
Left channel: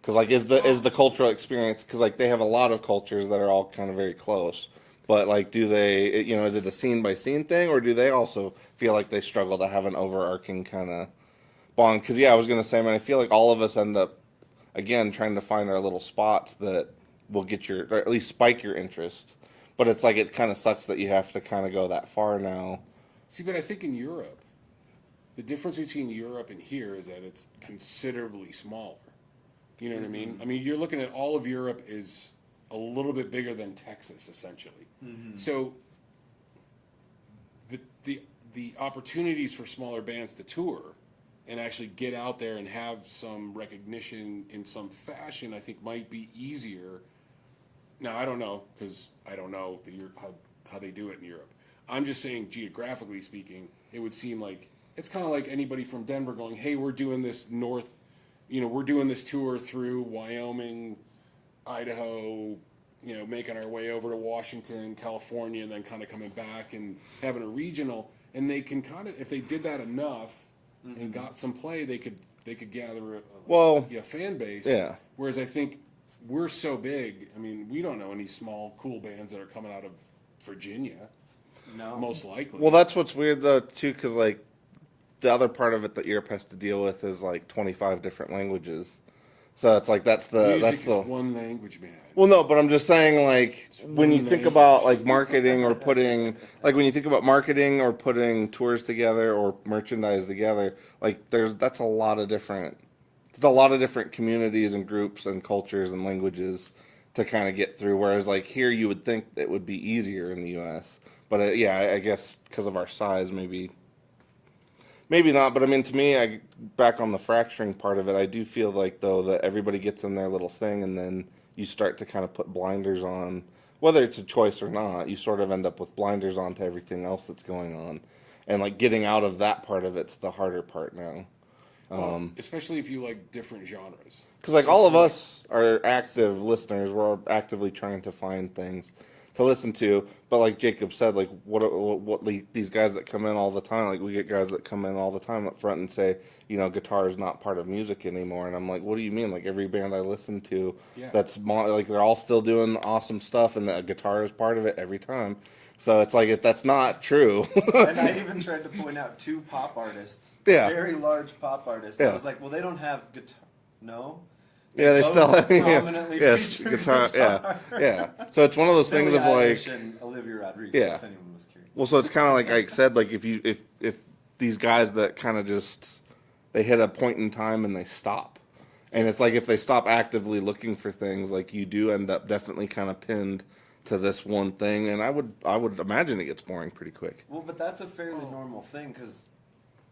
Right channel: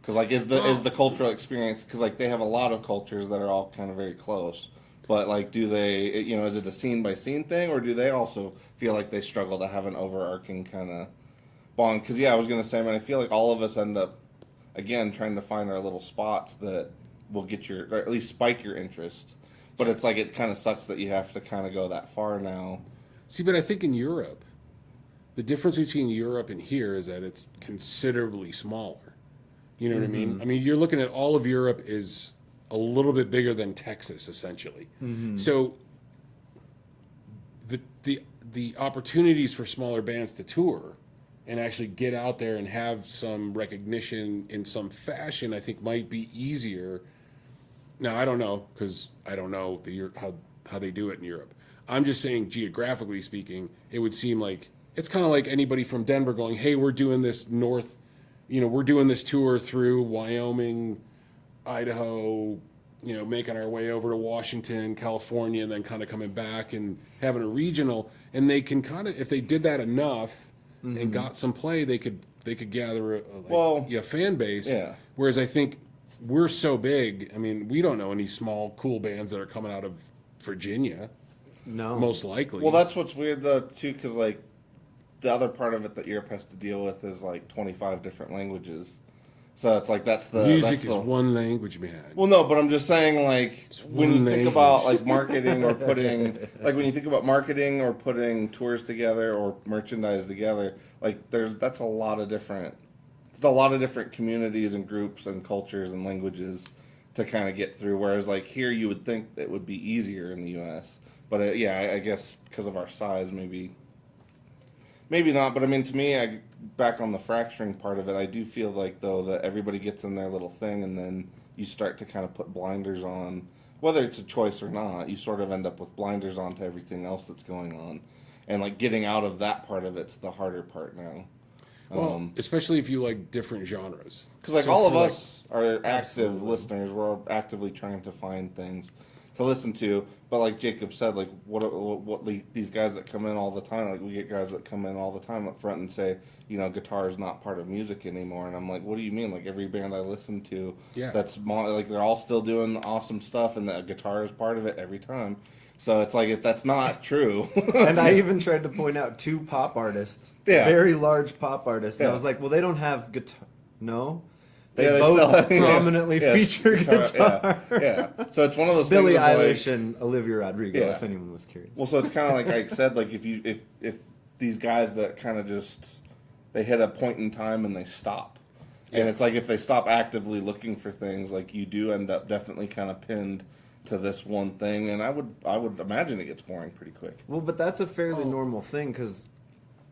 Because like, is the cultural experience? Because like, they have a lot of cultures that are all kind of very close. But like, do they, you know, is it a scene by scene thing, or do they also feel like they struggle to have an overarching kind of bond? Because yeah, I was gonna say, I mean, I feel like all of us end up again trying to find our little spots that will get or at least spike your interest. But it's like, it kind of sucks that you have to kind of go that far now. See, but I think in Europe, the difference between Europe and here is that it's considerably smaller. You know what I mean? I mean, you're looking at all of Europe is a little bit bigger than Texas, essentially. So the opportunities for smaller bands to tour and actually get out there and have some recognition in some fashion, I think might be easier. Now, I don't know, because I don't know how they do it in Europe. I'm just saying, geographically speaking, it would seem like it's kind of like anybody from Denver going, hey, we're doing this we're doing this tour through Wyoming, Idaho, you know, making our way over to Washington, California, and then kind of coming back and having a regional. And they can kind of, if they did that enough and got some play, they could they could gather a fan base. Yeah. Whereas I think we're so big. I mean, we don't know any small cool bands that are coming out of Virginia. No. Most likely. Well, that's what's weird though too, because like the other part of it that Europe has to deal with is like 25 different languages. So it's like that's the music that's the, is one language, man. Well, no, but I'm just saying, like, when you one think about like marketing or putting, like, when you think about marketing or putting tours together or merchandise together, like, that's a lot of different, it's a lot of different communities and groups and cultures and languages to kind of get through. Whereas, like, here you would think it would be easier in the U.S. But I guess because of our size, maybe not. But I mean, to me, back on the fracturing part of it, I do feel like though that everybody gets in their little thing, and then you start to kind of put blinders on, whether it's a choice or not. You sort of end up with blinders on to everything else that's going on, and like getting out of that part of it's the harder part now. Well, especially if you like different genres. Because like So all of for, like, us are active listeners. We're actively trying to find things to listen to. But like Jacob said, like what these guys that come in all the time, like we get guys that come in all the time up front and say, you know, guitar is not part of music anymore. And I'm like, what do you mean? Like every band I listen to, like they're all still doing awesome stuff, and the guitar is part of it every time. So it's like that's not true. And I even tried to point out 2 pop artists, Yeah. very large pop artists. And Yeah. I was like, well, they don't have guitar. No, They both still have prominently feature guitar. Yeah. So it's one of those Billie things of Eilish like, and Olivia Rodrigo, Yeah. if anyone was curious. well, so it's kind of like I said, like if these guys that kind of just they hit a point in time and they stop, and it's like if they stop actively looking for things, like you do end up definitely kind of pinned to this one thing, and I would imagine it gets boring pretty quick. Well, but that's a fairly normal thing, because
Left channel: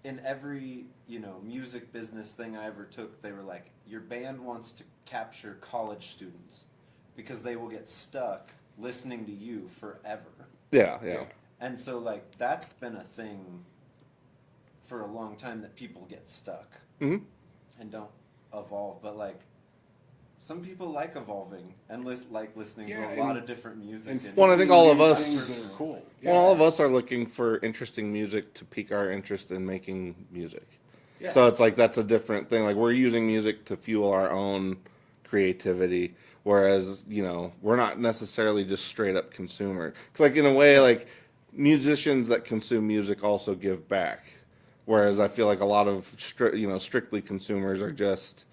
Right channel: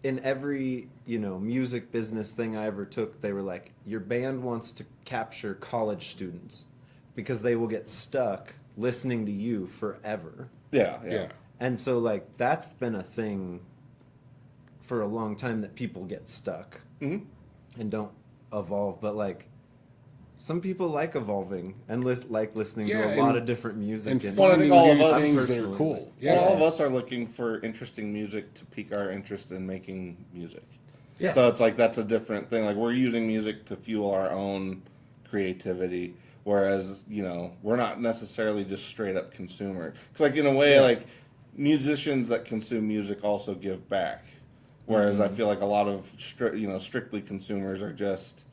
in every, music business thing I ever took, they were like, your band wants to capture college students because they will get stuck listening to you forever. Yeah. And so, like, that's been a thing for a long time, that people get stuck Mhm. and don't evolve. But, like, some people like evolving and like listening to a lot of different music. And and Well, I think all of us- things that are cool. Yeah. Well, all of us are looking for interesting music to pique our interest in making music. Yeah. So it's like that's a different thing. Like we're using music to fuel our own creativity, whereas we're not necessarily just straight up consumer. Because like in a way, like musicians that consume music also give back, whereas I feel like a lot of strictly consumers are just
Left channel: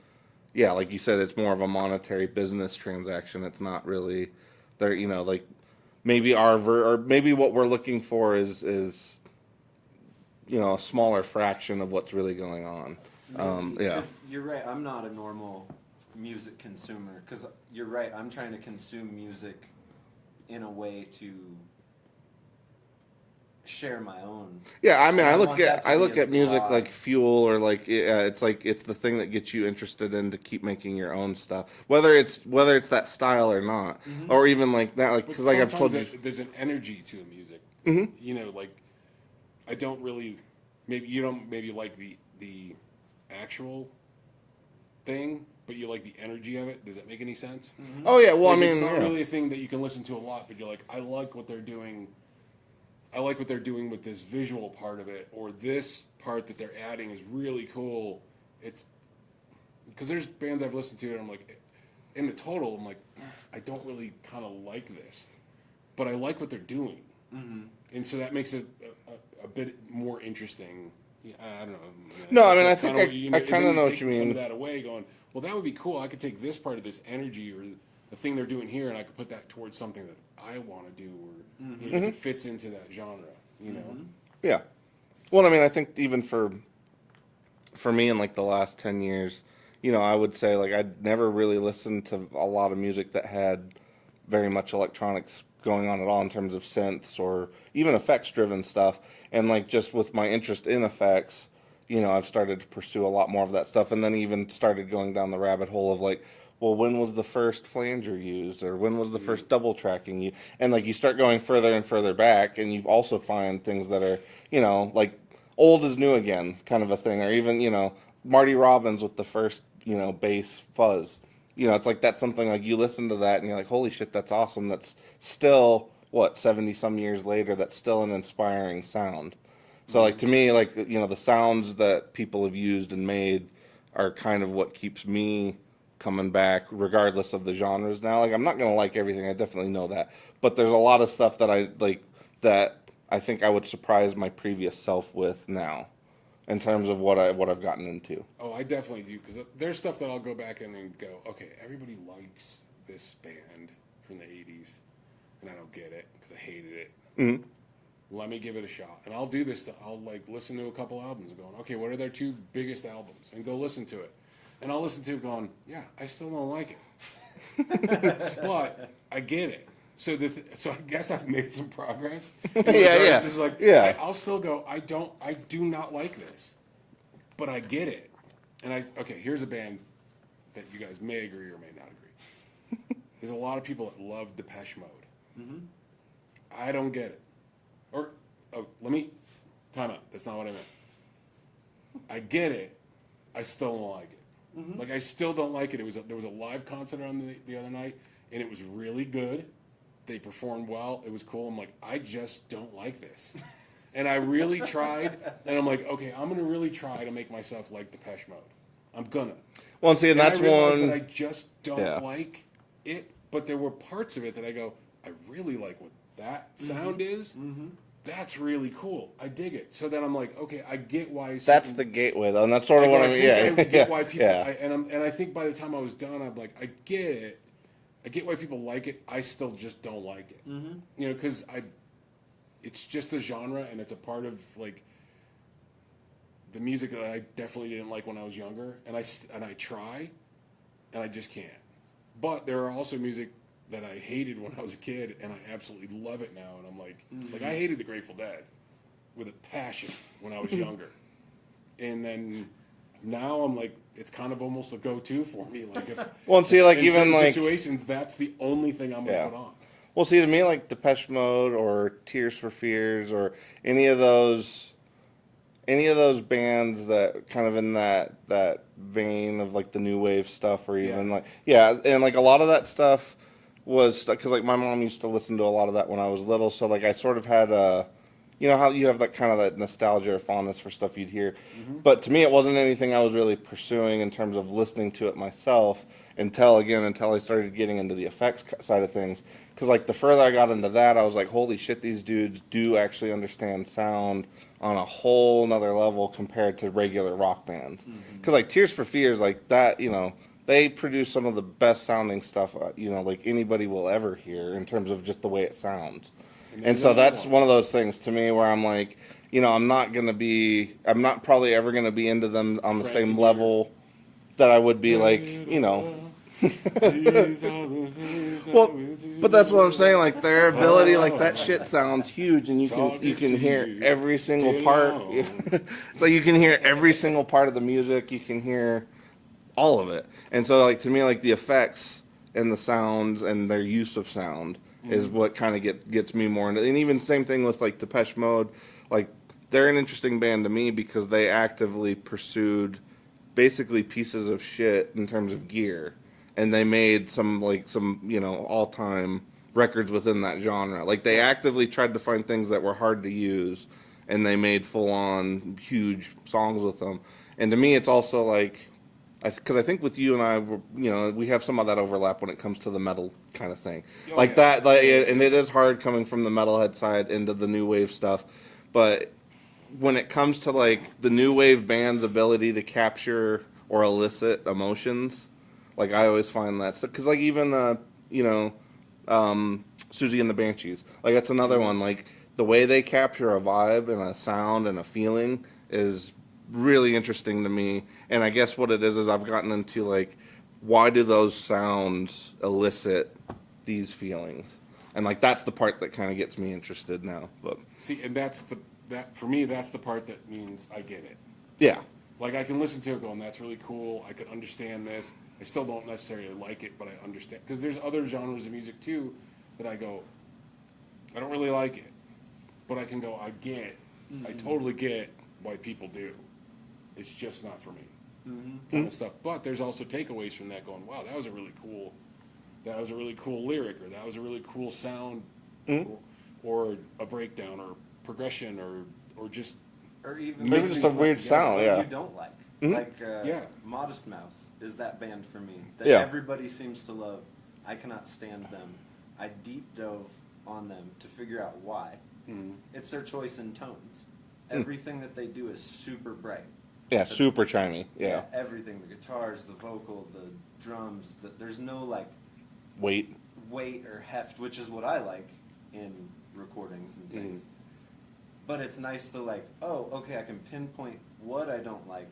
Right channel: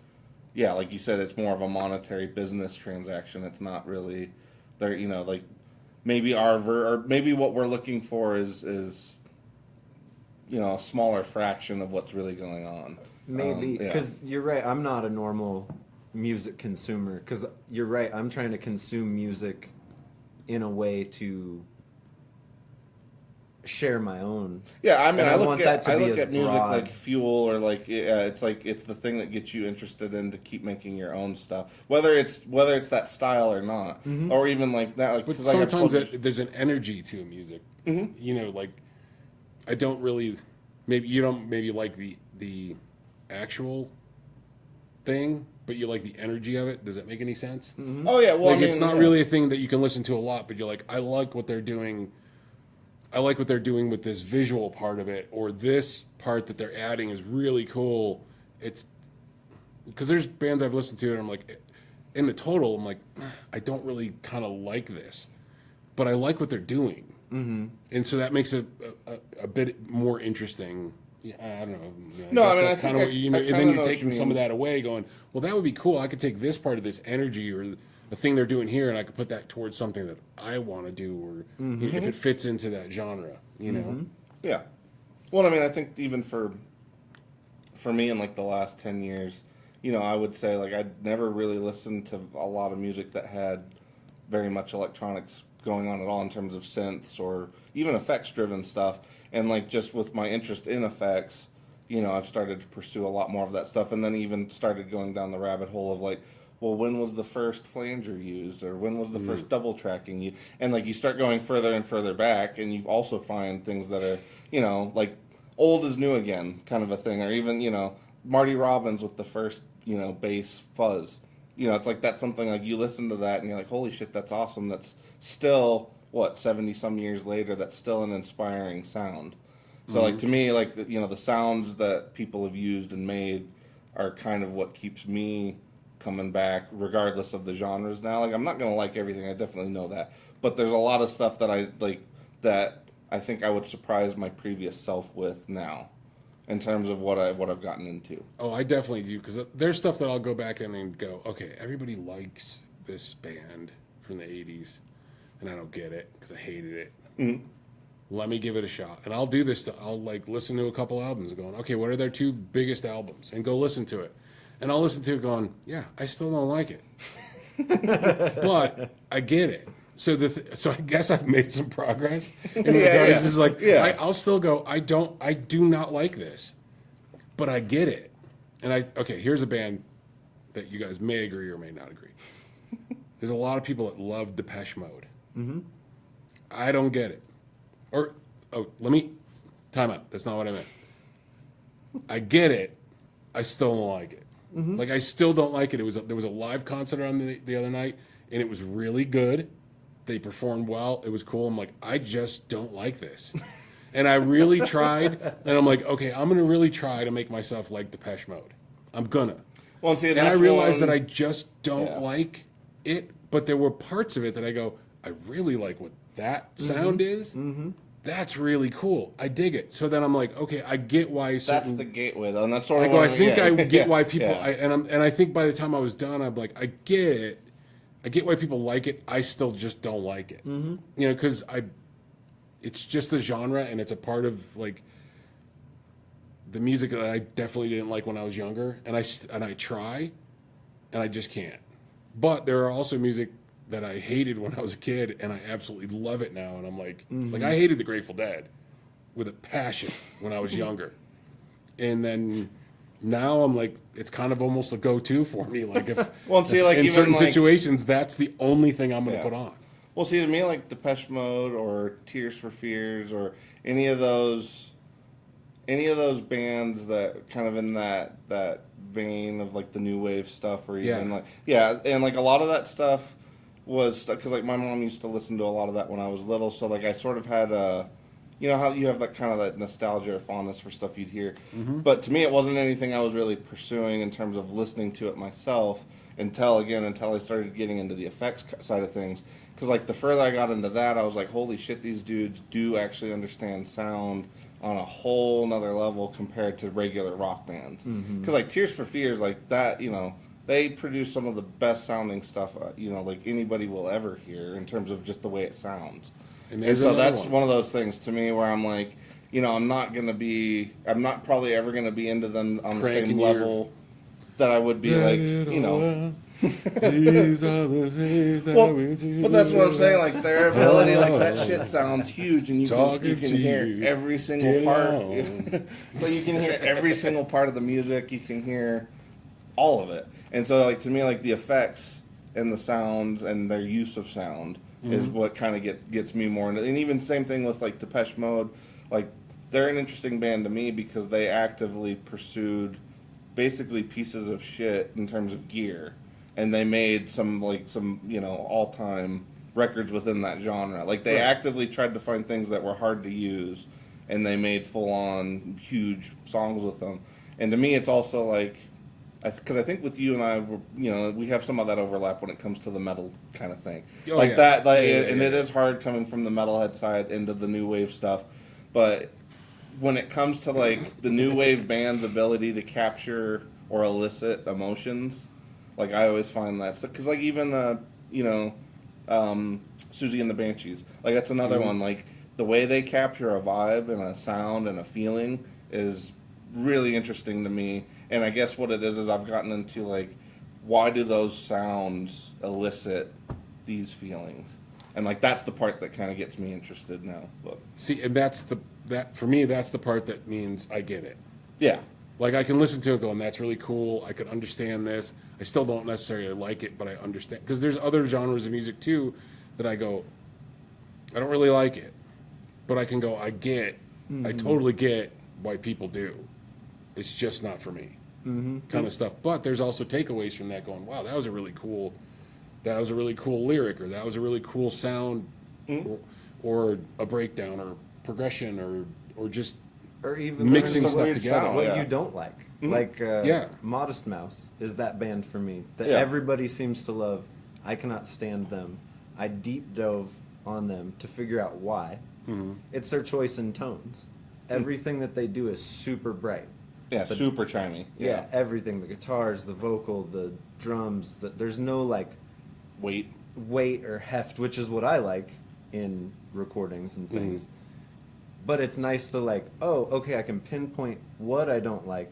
like you said, it's more of a monetary business transaction. It's not really they're like maybe or maybe what we're looking for is a smaller fraction of what's really going on. Maybe, because you're right, I'm not a normal music consumer, because you're right, I'm trying to consume music in a way to share my own. Yeah, I mean, And I look want that to be as at music broad. like fuel, or like it's the thing that gets you interested in to keep making your own stuff, whether it's that style or not, or even like that. Like But because like I've sometimes told you, there's an energy to music. Mhm. Like I don't really. Maybe you don't like the actual thing, but you like the energy of it. Does that make any sense? oh yeah, well Like I mean, it's not yeah. really a thing that you can listen to a lot, but you're like, I like what they're doing. I like what they're doing with this visual part of it, or this part that they're adding is really cool. It's because there's bands I've listened to, and I'm like, in the total, I'm like, I don't really kind of like this, but I like what they're doing, and so that makes it a bit more interesting. Yeah, I don't know. No, I mean, that's I kinda think what you I and kinda then know you're what you taking some mean. of that away, going, well, that would be cool. I could take this part of this energy or the thing they're doing here, and I could put that towards something that I want to do, or if it fits into that genre, Yeah. Well, I mean, I think even for me in like the last 10 years, I would say like I'd never really listened to a lot of music that had very much electronics going on at all in terms of synths or even effects driven stuff. And like just with my interest in effects, I've started to pursue a lot more of that stuff, and then even started going down the rabbit hole of like, well, when was the first flanger used, or when was the first double tracking used? And like you start going further and further back, and you also find things that are, like old is new again kind of a thing, or even, Marty Robbins with the first, bass fuzz. It's like that's something like you listen to that and you're like, holy shit, that's awesome. That's still, 70 some years later, that's still an inspiring sound. So like to me, like, the sounds that people have used and made are kind of what keeps me coming back, regardless of the genres now. Like, I'm not gonna like everything, I definitely know that, but there's a lot of stuff that I like that I think I would surprise my previous self with now, in terms of what I've gotten into. Oh, I definitely do, because there's stuff that I'll go back in and go, okay, everybody likes this band from the 80s, and I don't get it because I hated it. Mm-hmm. Let me give it a shot. And I'll do this. I'll like listen to a couple albums and going, okay, what are their 2 biggest albums? And go listen to it. And I'll listen to it going, yeah, I still don't like it. But I get it. So so I guess I've made some progress. It's just like, I'll still go, I do not like this. But I get it. And okay, here's a band that you guys may agree or may not agree. There's a lot of people that love Depeche Mode. Mm-hmm. I don't get it. Time out. That's not what I meant. I get it. I still don't like it. Mm-hmm. Like, I still don't like it. There was a live concert on the other night, and it was really good. They performed well. It was cool. I'm like, I just don't like this. And I really tried, and I'm like, okay, I'm going to really try to make myself like Depeche Mode. I'm gonna. Well, see, and that's I realized one... that I just don't like it, but there were parts of it that I go, I really like what that sound is. Mm-hmm. That's really cool. I dig it. So then I'm like, okay, I get why. That's the gateway, though, and that's sort of what I think I get why people. Yeah. And I think by the time I was done, I'm like, I get it. I get why people like it. I still just don't like it. Mm-hmm. You know, because it's just the genre, and it's a part of like the music that I definitely didn't like when I was younger, and I try, and I just can't. But there are also music that I hated when I was a kid, and I absolutely love it now. And I'm like, like I hated the Grateful Dead with a passion when I was younger, and then now I'm like, it's kind of almost a go-to for me. Like if well, see, like in even certain like, situations, that's the only thing I'm gonna put on. Well, see, to me, like Depeche Mode or Tears for Fears or any of those bands that kind of in that vein of like the new wave stuff, or even and like a lot of that stuff was because like my mom used to listen to a lot of that when I was little, so like I sort of had a, you know how you have that kind of that nostalgia or fondness for stuff you'd hear, but to me it wasn't anything I was really pursuing in terms of listening to it myself until I started getting into the effects side of things. Because like the further I got into that, I was like, holy shit, these dudes do actually understand sound on a whole nother level compared to regular rock bands. Because like Tears for Fears, like that, you know, they produce some of the best sounding stuff, you know, like anybody will ever hear in terms of just the way it sounds. And so that's one of those things to me where I'm like, you know, I'm not probably ever going to be into them on the same level that I would be like, you know. Well, but that's what I'm saying. Like their ability, like that shit sounds huge, and you can hear every single part. So you can hear every single part of the music. You can hear all of it, and so like to me, like the effects and the sounds and their use of sound is what kind of gets me more into. And even same thing with like Depeche Mode, like they're an interesting band to me because they actively pursued basically pieces of shit in terms of gear. And they made some you know, all-time records within that genre. Like, they actively tried to find things that were hard to use, and they made full-on huge songs with them. And to me, it's also like, because I think with you and I, you know, we have some of that overlap when it comes to the metal kind of thing. And it is hard coming from the metalhead side into the new wave stuff. But when it comes to, like, the new wave band's ability to capture or elicit emotions... Like, I always find that. Because, like, even, you know, Susie and the Banshees. Like, that's another one. Like, the way they capture a vibe and a sound and a feeling is really interesting to me. And I guess what it is I've gotten into, like, why do those sounds elicit these feelings? And, like, that's the part that kind of gets me interested now. But see, and for me, that's the part that means I get it. Yeah. Like, I can listen to it going, that's really cool. I can understand this. I still don't necessarily like it, but I understand. Because there's other genres of music, too, that I go, I don't really like it. But I can go, I totally get why people do. It's just not for me. Kind of stuff. But there's also takeaways from that going, wow, that was a really cool lyric, or that was a really cool sound, or a breakdown, or progression, or just Or even mixing some stuff weird together. sound. what yeah. you don't like. Like Yeah. Modest Mouse is that band for me that Yeah. everybody seems to love. I cannot stand them. I deep dove on them to figure out why. It's their choice in tones. Everything that they do is super bright. Yeah, The- super chimey. Yeah, everything, the guitars, the vocal, the drums, there's no like Wait. weight or heft, which is what I like in recordings and things. But it's nice to like, oh, okay, I can pinpoint what I don't like,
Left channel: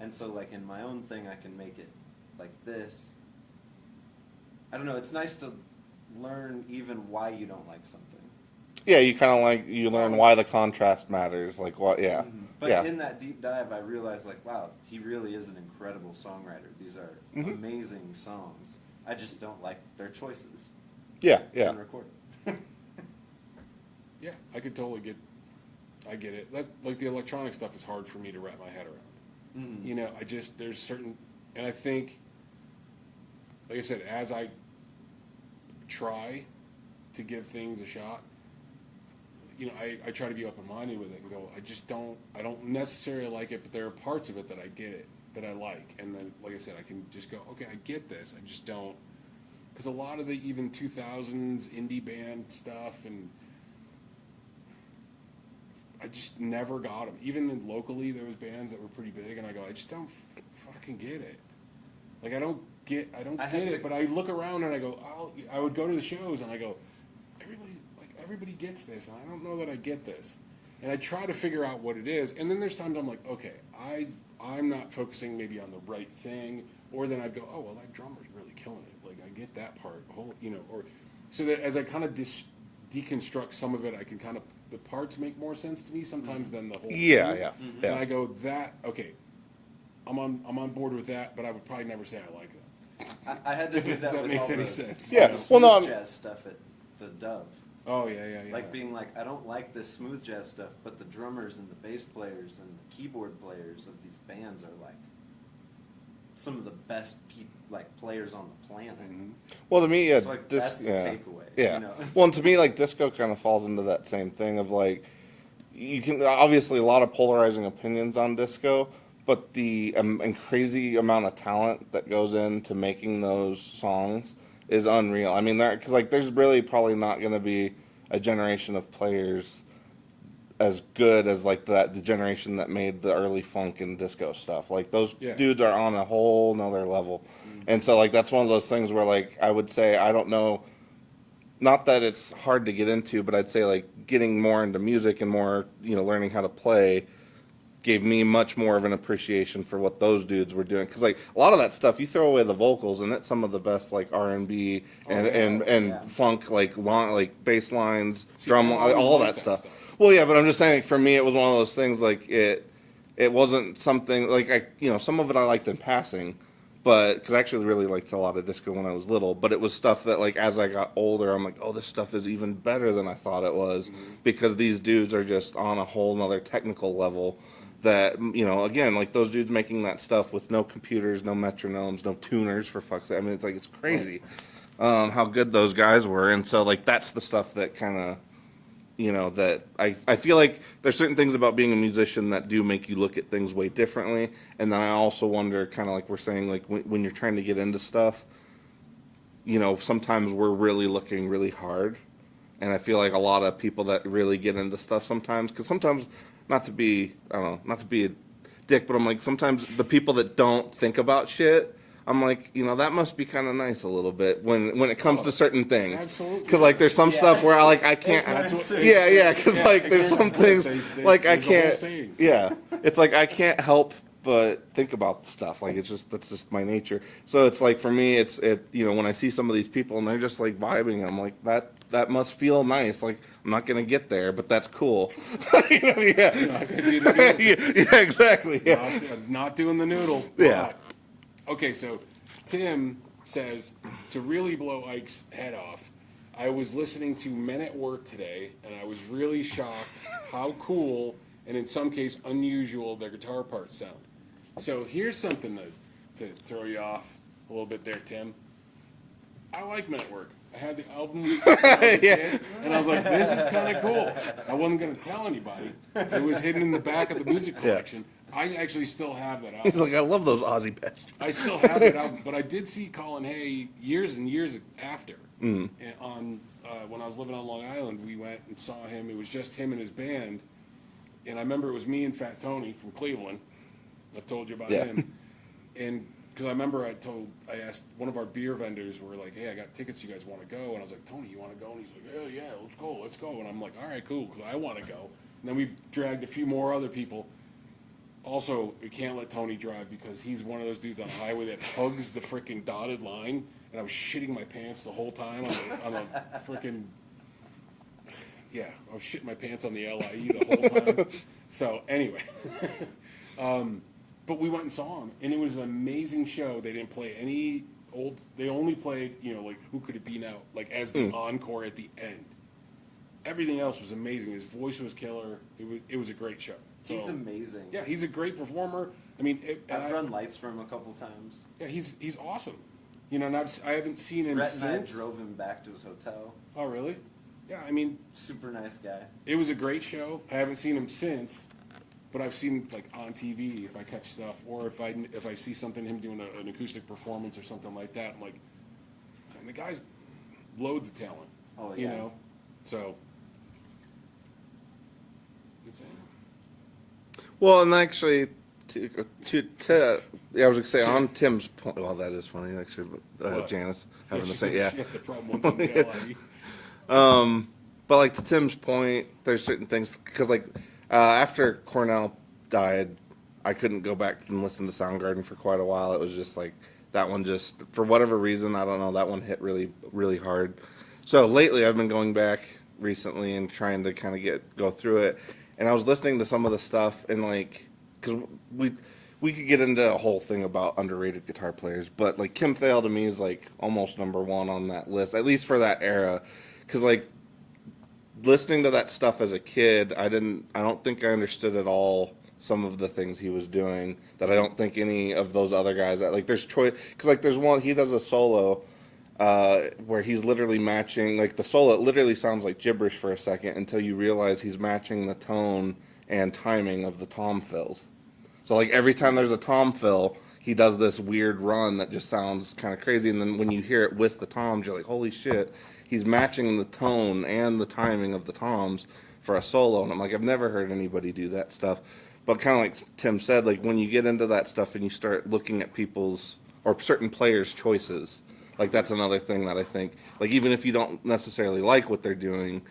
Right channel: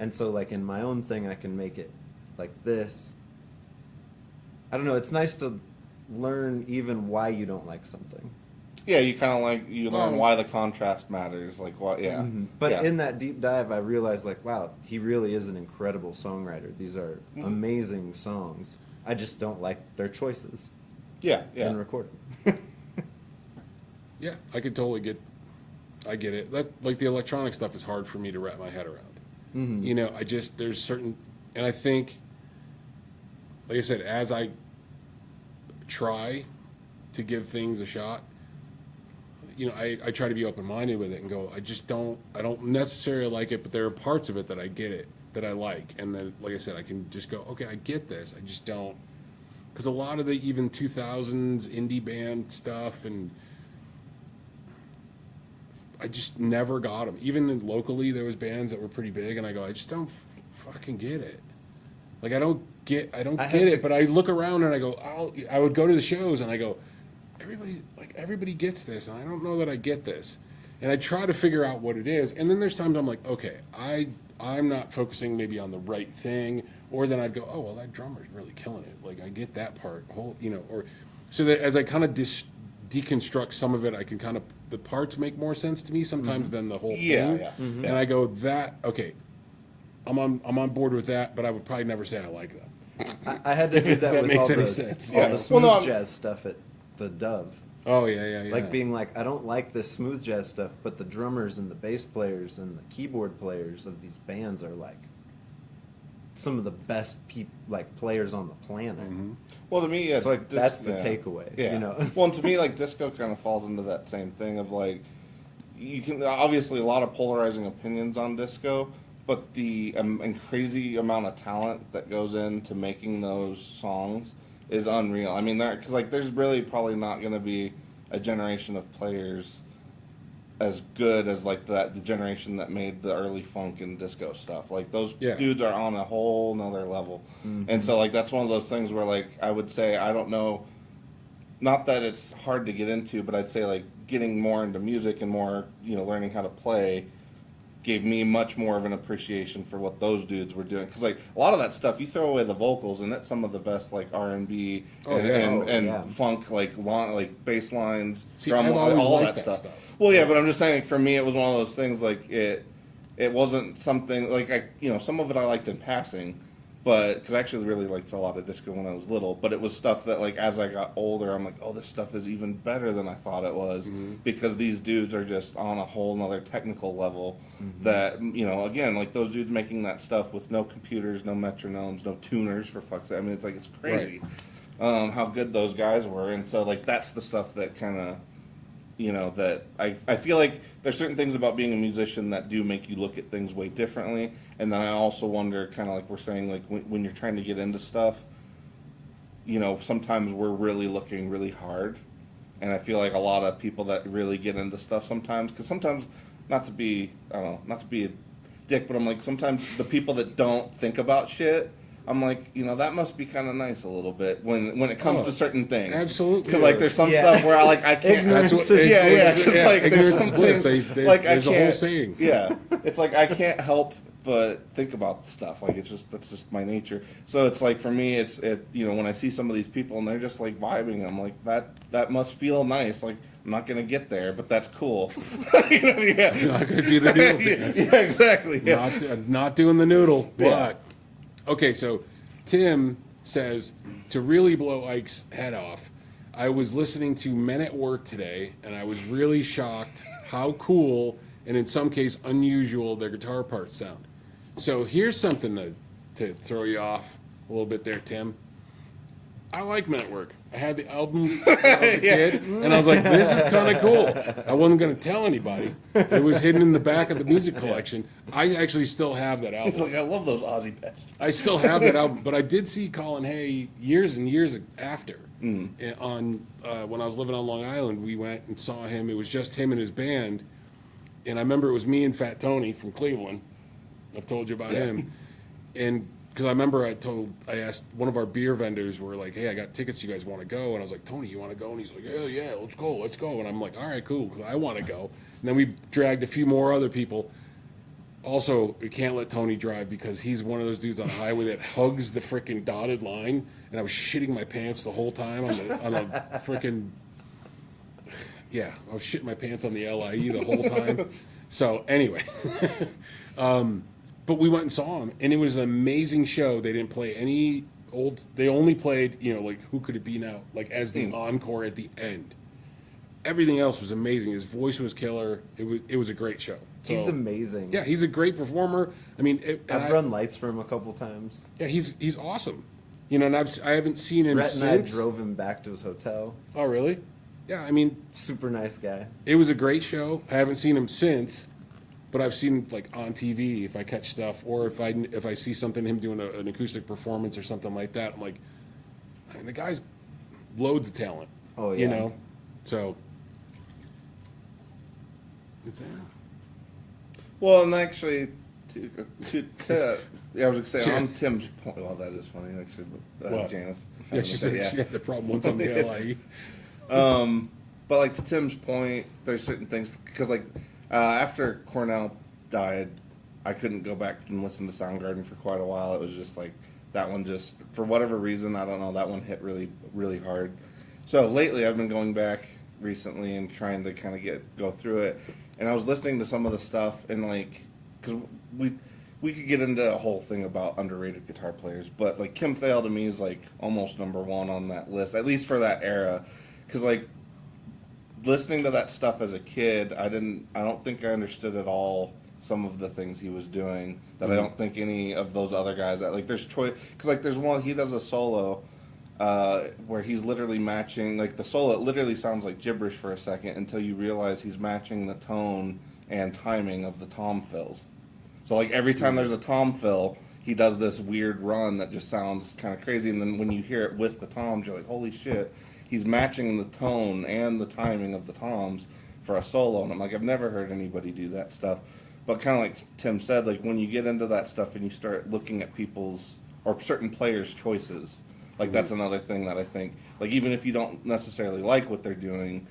and so like in my own thing, I can make it like this. I don't know. It's nice to learn even why you don't like something. Yeah, you kind of like, you learn Well- why the contrast matters. Like, what, yeah. But yeah. in that deep dive, I realized like, wow, he really is an incredible songwriter. These are amazing songs. I just don't like their choices yeah, yeah. in recording. Yeah, I could totally I get it. That, like, the electronic stuff is hard for me to wrap my head around. You know, there's certain, and I think, like I said, as I try to give things a shot, you know, I try to be open-minded with it and go, I don't necessarily like it, but there are parts of it that I get it, that I like. And then, like I said, I can just go, okay, I get this. I just don't, because a lot of the even 2000s indie band stuff, and I just never got them. Even locally, there was bands that were pretty big, and I go, I just don't fucking get it. Like, I don't get it. But I look around and I go, I would go to the shows and I go, everybody gets this, and I don't know that I get this. And I try to figure out what it is. And then there's times I'm like, okay, I'm not focusing maybe on the right thing. Or then I'd go, oh, well, that drummer's really killing it. Like, I get that part, you know. Or so that as I kind of deconstruct some of it, I can kind of, the parts make more sense to me sometimes than the whole thing. Yeah. And I go, okay, I'm on board with that, but I would probably never say I like them. I had to do If that that with makes all any the, sense. all Yeah. the Well, smooth no, jazz stuff at the Dove. Oh, yeah. Like being like, I don't like this smooth jazz stuff, but the drummers and the bass players and the keyboard players of these bands are like some of the best like players on the planet. Well, to me, yeah. So like that's the takeaway. Yeah. You know? Well, and to me, like, disco kind of falls into that same thing of like, you can obviously a lot of polarizing opinions on disco, but the and crazy amount of talent that goes into making those songs is unreal. I mean, because like there's really probably not going to be a generation of players as good as like the generation that made the early funk and disco stuff. Like those dudes are on a whole nother level. And so like that's one of those things where like I would say I don't know, not that it's hard to get into, but I'd say like getting more into music and more, you know, learning how to play gave me much more of an appreciation for what those dudes were doing. Because like a lot of that stuff, you throw away the vocals, and it's some of the best like R&B and funk, like long like bass lines, drum, all that stuff. Well, yeah, but I'm just saying for me, it was one of those things like it wasn't something like some of it I liked in passing, but because I actually really liked a lot of disco when I was little, but it was stuff that like as I got older, I'm like, oh, this stuff is even better than I thought it was, because these dudes are just on a whole nother technical level that, you know, again, like those dudes making that stuff with no computers, no metronomes, no tuners, for fuck's sake. I mean, it's like, it's crazy how good those guys were. And so like that's the stuff that kind of, you know, that I feel like there's certain things about being a musician that do make you look at things way differently. And then I also wonder, kind of like we're saying, like when you're trying to get into stuff, you know, sometimes we're really looking really hard. And I feel like a lot of people that really get into stuff sometimes, because sometimes, not to be a dick, but I'm like, sometimes the people that don't think about shit, I'm like, you know, that must be kind of nice a little bit when it comes to certain things. Absolutely. Because like there's some stuff where I can't. Because like there's some things like I can't. Yeah, it's like I can't help but think about stuff. Like that's just my nature. So it's like for me, you know, when I see some of these people and they're just like vibing, I'm like that must feel nice. Like I'm not gonna get there, but that's cool. You know, yeah. You're not gonna do the noodle. Yeah, exactly. Yeah. Not doing the noodle. Yeah. But okay, so Tim says, to really blow Ike's head off, I was listening to Men at Work today, and I was really shocked how cool and in some case unusual their guitar parts sound. So here's something to throw you off a little bit there, Tim. I like Men at Work. I had the album when I was a kid, and I was like, this is kind of cool. I wasn't going to tell anybody. It was hidden in the back of the music collection. I actually still have that album. He's like, I love those Aussie bastards. I still have that album, but I did see Colin Hay years and years after. And on when I was living on Long Island, we went and saw him. It was just him and his band, and I remember it was me and Fat Tony from Cleveland. I've told you about him, and because I remember I asked one of our beer vendors, we're like, hey, I got tickets, you guys want to go? And I was like, Tony, you want to go? And he's like, yeah, let's go. And I'm like, all right, cool, because I want to go. And then we dragged a few more other people. Also, we can't let Tony drive because he's one of those dudes on the highway that hugs the freaking dotted line. And I was shitting my pants the whole time on a freaking, yeah, I was shitting my pants on the LIE the whole time. So anyway, but we went and saw him, and it was an amazing show. They didn't play any old, they only played, like Who Could It Be Now, like as the encore at the end. Everything else was amazing. His voice was killer. It was a great show. So, He's amazing. yeah, he's a great performer. I mean, I've run lights for him a couple times. Yeah, he's awesome. And I haven't seen him Rhett since. and I drove him back to his hotel. Oh, really? Yeah, I mean, Super nice guy. it was a great show. I haven't seen him since, but I've seen like on TV if I catch stuff, or if I see something him doing an acoustic performance or something like that. I'm like, I mean, the guy's loads of talent. Oh, yeah. So. Well, and actually, I was gonna say on Tim's point. Well, that is funny actually, but What? Janice Yeah, having she to said say, she yeah. had the problem once on the LIE. But like to Tim's point, there's certain things because like after Cornell died, I couldn't go back and listen to Soundgarden for quite a while. It was just like that one just for whatever reason, I don't know, that one hit really really hard. So lately, I've been going back recently and trying to kind of go through it, and I was listening to some of the stuff and like because we could get into a whole thing about underrated guitar players, but like Kim Thale to me is like almost number one on that list, at least for that era. Because like listening to that stuff as a kid, I don't think I understood at all some of the things he was doing that I don't think any of those other guys like. There's choice because like there's one he does a solo where he's literally matching like the solo. It literally sounds like gibberish for a second until you realize he's matching the tone and timing of the tom fills. So like every time there's a tom fill, he does this weird run that just sounds kind of crazy. And then when you hear it with the toms, you're like, holy shit, he's matching the tone and the timing of the toms for a solo. And I'm like, I've never heard anybody do that stuff. But kind of like Tim said, like when you get into that stuff and you start looking at people's or certain players' choices, like that's another thing that I think, like even if you don't necessarily like what they're doing,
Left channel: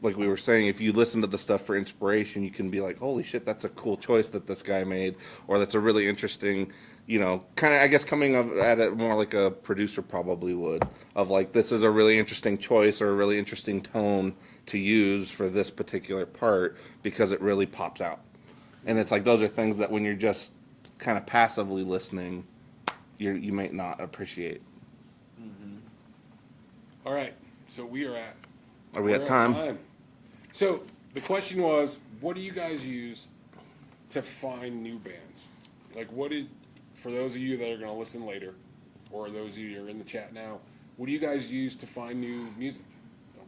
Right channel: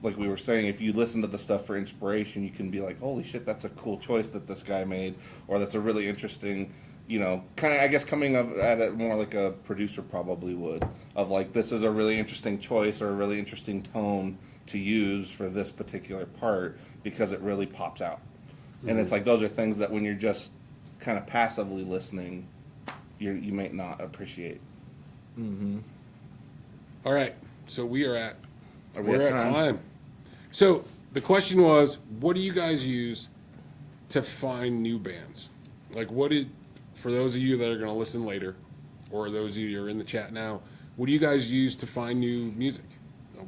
like we were saying, if you listen to the stuff for inspiration, you can be like, holy shit, that's a cool choice that this guy made, or that's a really interesting, kind of, I guess, coming up at it more like a producer probably would, of like, this is a really interesting choice or a really interesting tone to use for this particular part because it really pops out. Mm-hmm. And it's like, those are things that when you're just kind of passively listening, you may not appreciate. Mm-hmm. All right, so we're at time. So the question was, what do you guys use to find new bands? Like, for those of you that are going to listen later, or those of you who are in the chat now, what do you guys use to find new music?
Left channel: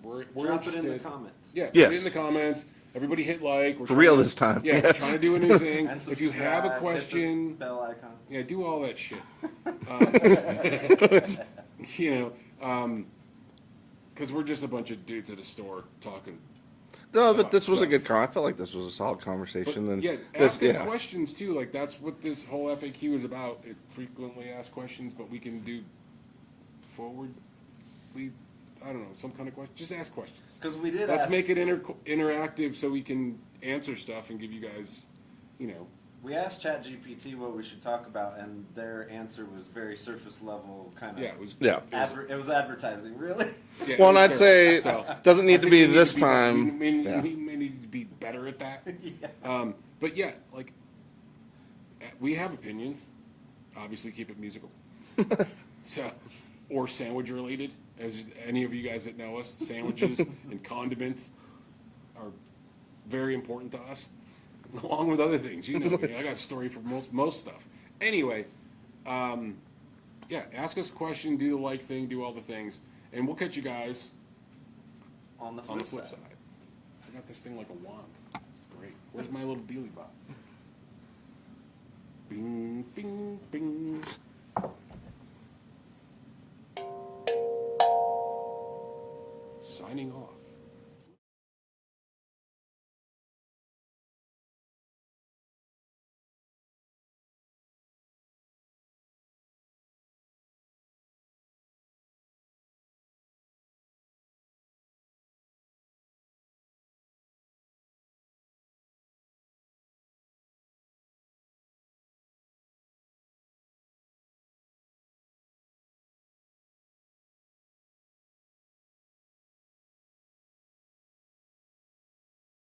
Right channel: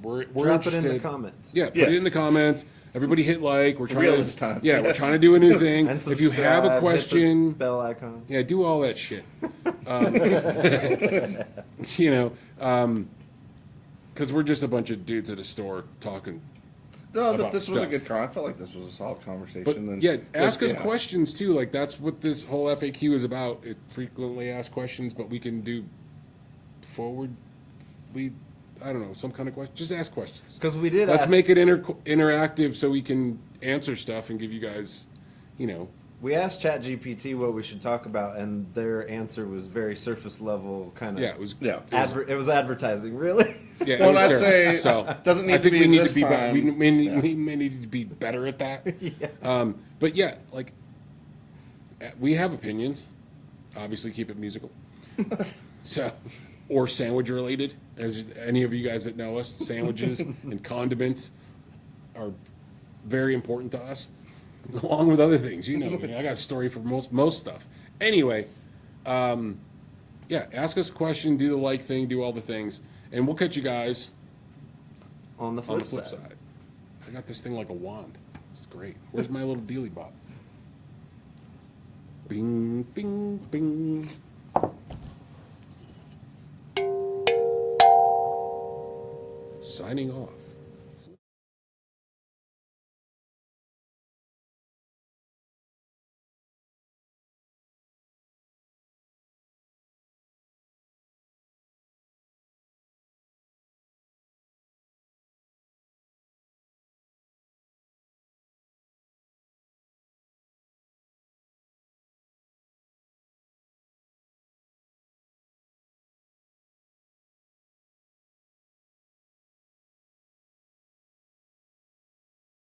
We're Drop it in the interested. comments. Yeah, put Yes. it in the comments. Everybody hit like. We're For trying real to, this time. Yeah, we're trying to do a new thing. And If you have a subscribe, hit the question, bell icon. yeah, do all that shit. Because we're just a bunch of dudes at a store talking. No, but about this was a stuff. good I felt like this was a solid conversation. But and yeah, ask us yeah. questions too. Like that's what this whole FAQ is about. It frequently asked questions, but we can do forward lead. I don't know, some kind of question. Just ask questions. Because we did Let's ask, make it interactive so we can answer stuff and give you guys, we asked ChatGPT what we should talk about, and their answer was very surface level, kind of. yeah, it was. Yeah. It was advertising, really. Yeah, Well, it was and I'd terrible. say So, doesn't need I to think be we need this to be time. We may need to be better at that. Yeah. But yeah, like we have opinions. Obviously, keep it musical. So, or sandwich related. As any of you guys that know us, sandwiches and condiments are very important to us, along with other things. I got a story for most stuff. Anyway, yeah, ask us a question, do the like thing, do all the things. And we'll catch you guys On the on the flip flip side. side. I got this thing like a wand. It's great. Where's my little dealy bop? Bing, bing, bing. Signing off.